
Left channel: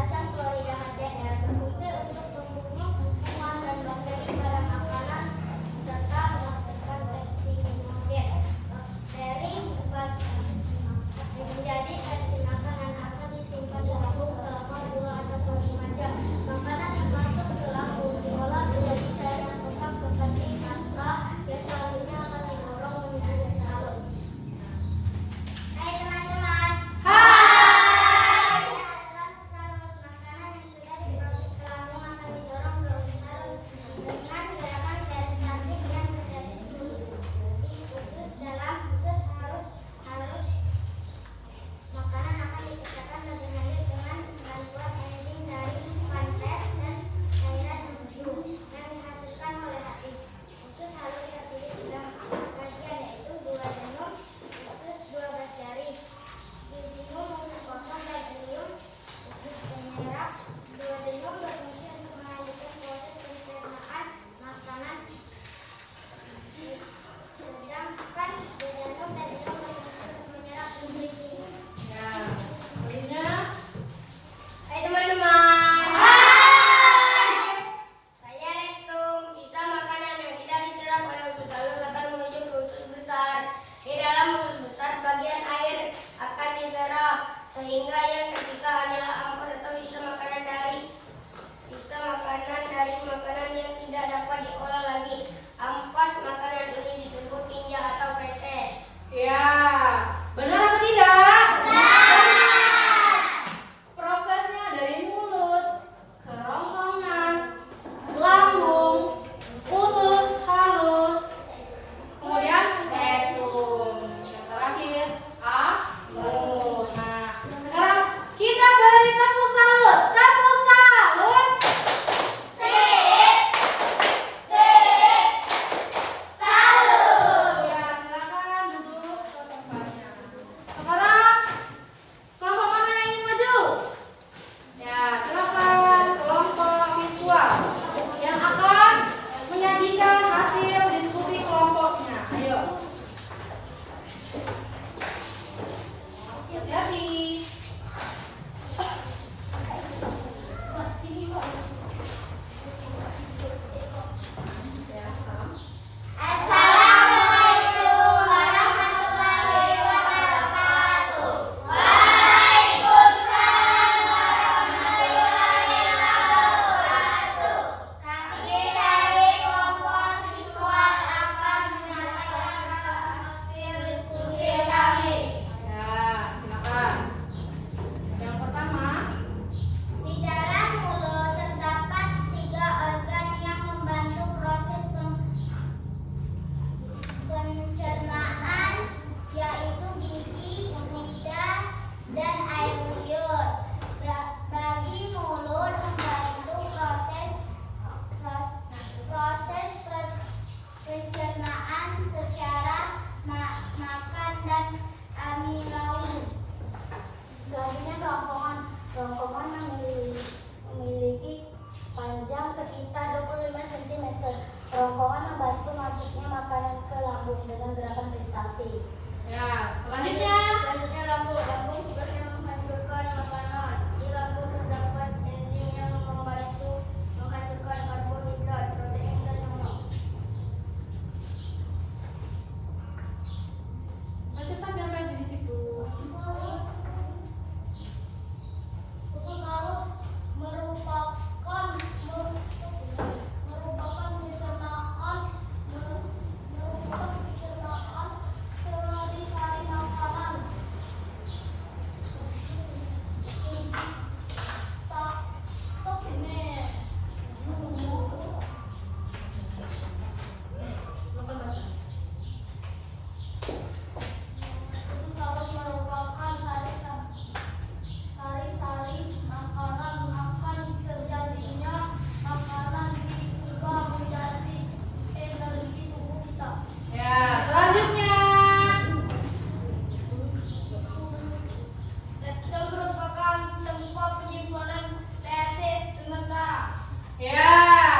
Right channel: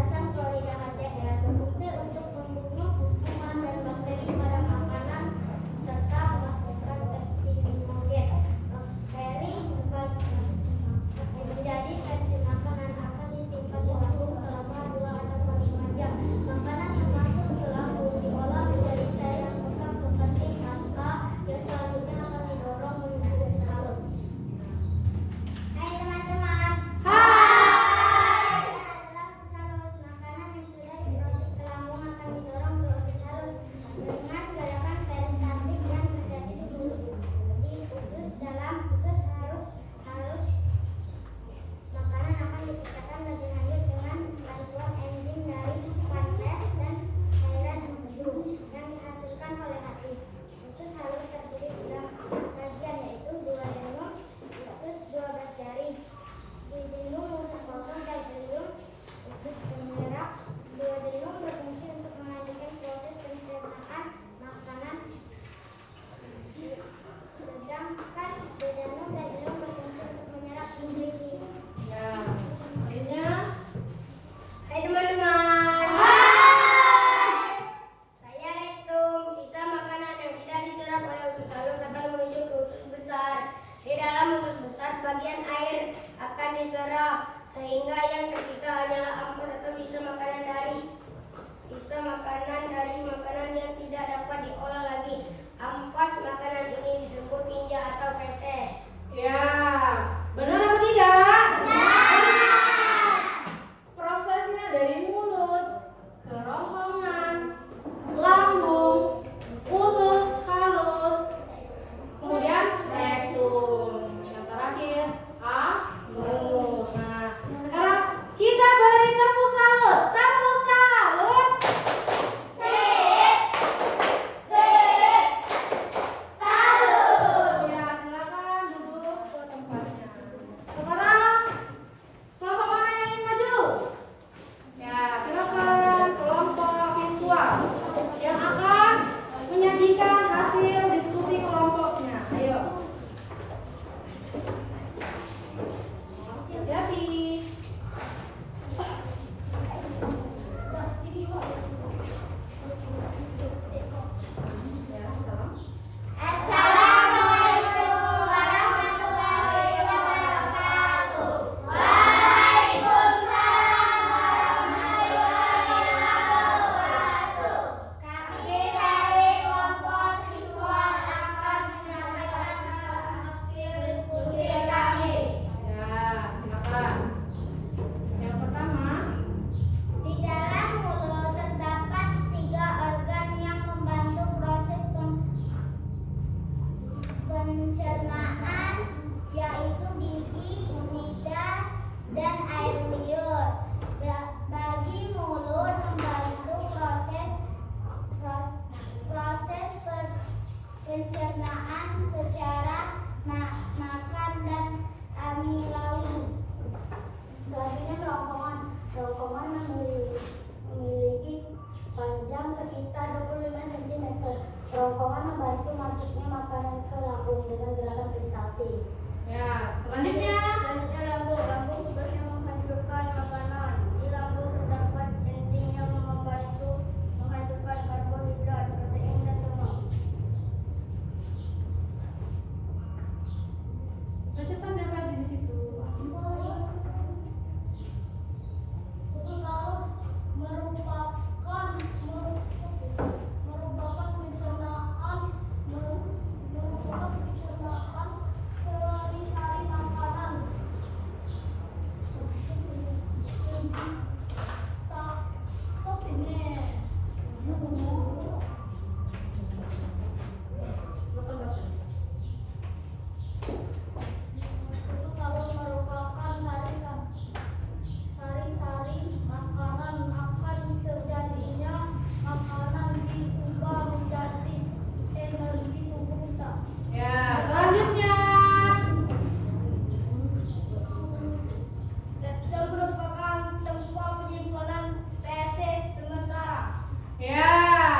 asam klorida HCl berfungsi untuk membunuh kuman dan bakteri pada makanan serta melakukan pepsinogen. Bakteri menjadi pepsin makanan akan disimpan di lambung selama 2 atau 5 jam. Makanan yang masuk ke lambung diolah menjadi cairan bengkak seperti pasta, yang selanjutnya akan didorong menuju usus halus. Hai teman-teman. Hai. Usus halus, makanan yang sudah diproses ke lambung akan didorong ke usus halus dengan gerakan peristatik yang terjadi di usus dalam usus halus. Makanan akan dipecahkan lebih lanjut dengan bantuan enzim dari pankreas dan cairan embriu yang dihasilkan oleh hati. Usus halus terdiri dalam 4 bagian, yaitu duodenum, usus 12 jari, duodenum, usus kosong, dan ileum, usus penyerap. Duodenum berfungsi untuk melanjutkan proses pencernaan makanan, sedangkan duodenum dan ileum berfungsi untuk menyerap nutrisi. Ya, selanjutnya. Hai teman-teman. Hai. Saya rektum. Sisa makanan yang tidak diserap oleh usus halus akan menuju ke usus besar. Di dalam usus besar, sebagian air akan diserap, sehingga yang tersisa hanyalah ampas atau sisa makanan dari makanan yang tidak dapat diolah lagi. Ampas makanan ini disebut tinja atau feses. Ya, benar apa tidak? Benar. Prosesnya dari mulut, kerongkongan, lambung, usus halus, kemudian rektum, yang terakhir anus. Nah, sekarang kita beri tepuk salut. Tepuk salut. Salut. Ya, silakan duduk ke tempatnya. Sekarang kelompok mana yang ingin maju? Ya, silakan kelompok visual yang akan menyajikan hasil diskusi kelompoknya. Ayo. Hati-hati. Ya, salam. Assalamualaikum warahmatullahi wabarakatuh. Waalaikumsalam warahmatullahi wabarakatuh. Kami dari kelompok visual akan menyampaikan hasil diskusi kami. Ya, silakan. Yang pertama, Di dalam mulut terdapat 3 organ yang membantu proses pencernaan, yaitu gigi, lidah, dan air liur. Bagi mulut membantu proses pencernaan secara makan dan amilawi. Selanjutnya kerongkongan. Kerongkongan memiliki panjang sekitar 25 cm. Kerongkongan membantu masuknya makanan ke lambung dengan gerakan peristaltik. ya, selanjutnya. Selanjutnya lambung. Lambung tugasnya menghancurkan makanan. Di lambung terdapat enzim yang membantu menghancurkan karbohidrat, protein, dan lemak. Baca saja apa yang ada di situ. Usus halus merupakan pencernaan sari-sari makanan. Ya,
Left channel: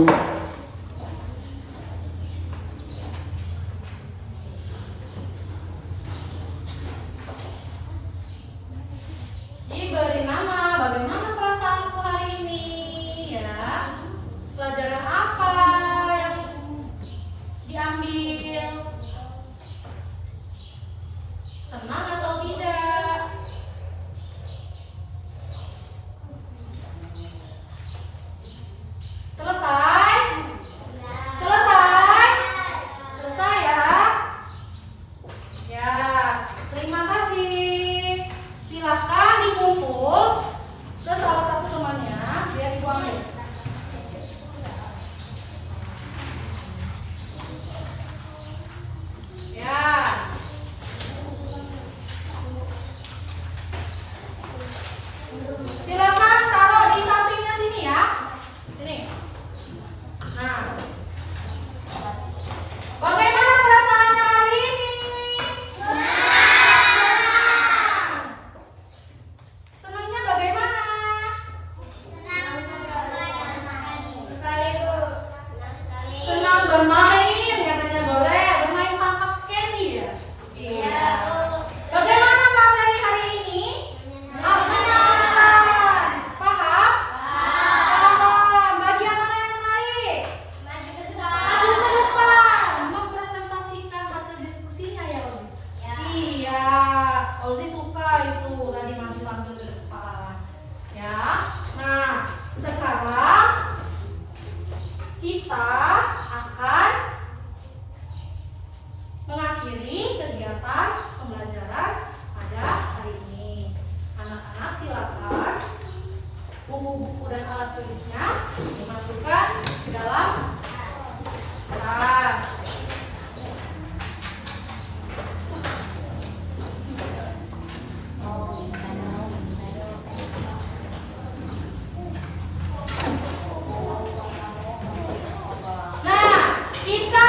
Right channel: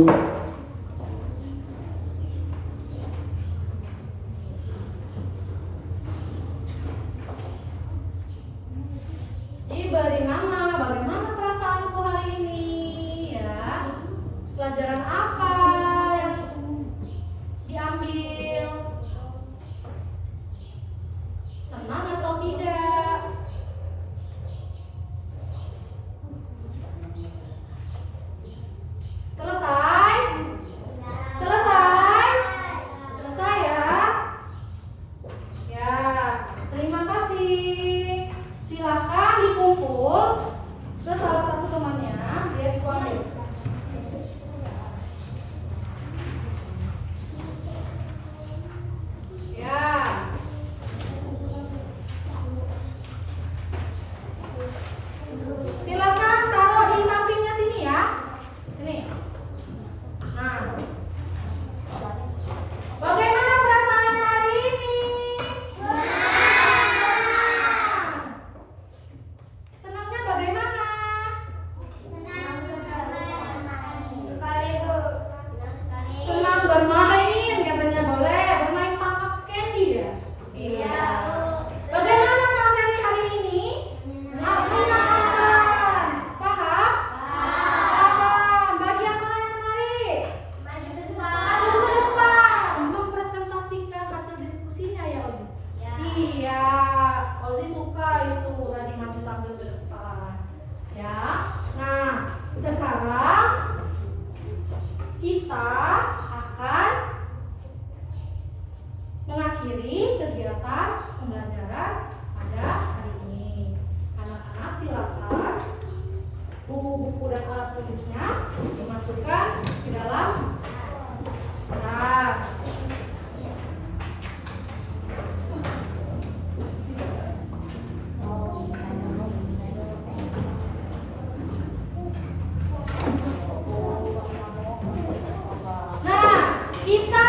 Diberi nama, bagaimana perasaanku hari ini ya? Pelajaran apa yang diambil? Senang atau tidak? Selesai? Selesai? Selesai ya? Ya, terima kasih. Silahkan dikumpul ke salah satu temannya biar ibu ambil. Ya. Silakan taruh di sampingnya sini ya. Sini. Nah. Bagaimana perasaannya hari ini? Senangnya bagaimana? Senang bermain, katanya boleh. Bermain tangkap candy ya? Iya. Bagaimana materi hari ini? Menyenangkan. Paham? Paham. Bagian mana yang menarik? Maju ke depan. Mempresentasikan hasil diskusinya ya, Ozi? Iya. Ozi suka itu tadi maju tampil ke depan. Ya. Nah, sekarang kita akan mengakhiri kegiatan pembelajaran pada hari ini. Anak-anak silakan buku-buku dan alat tulisnya dimasukkan di dalam tas. Nah, kita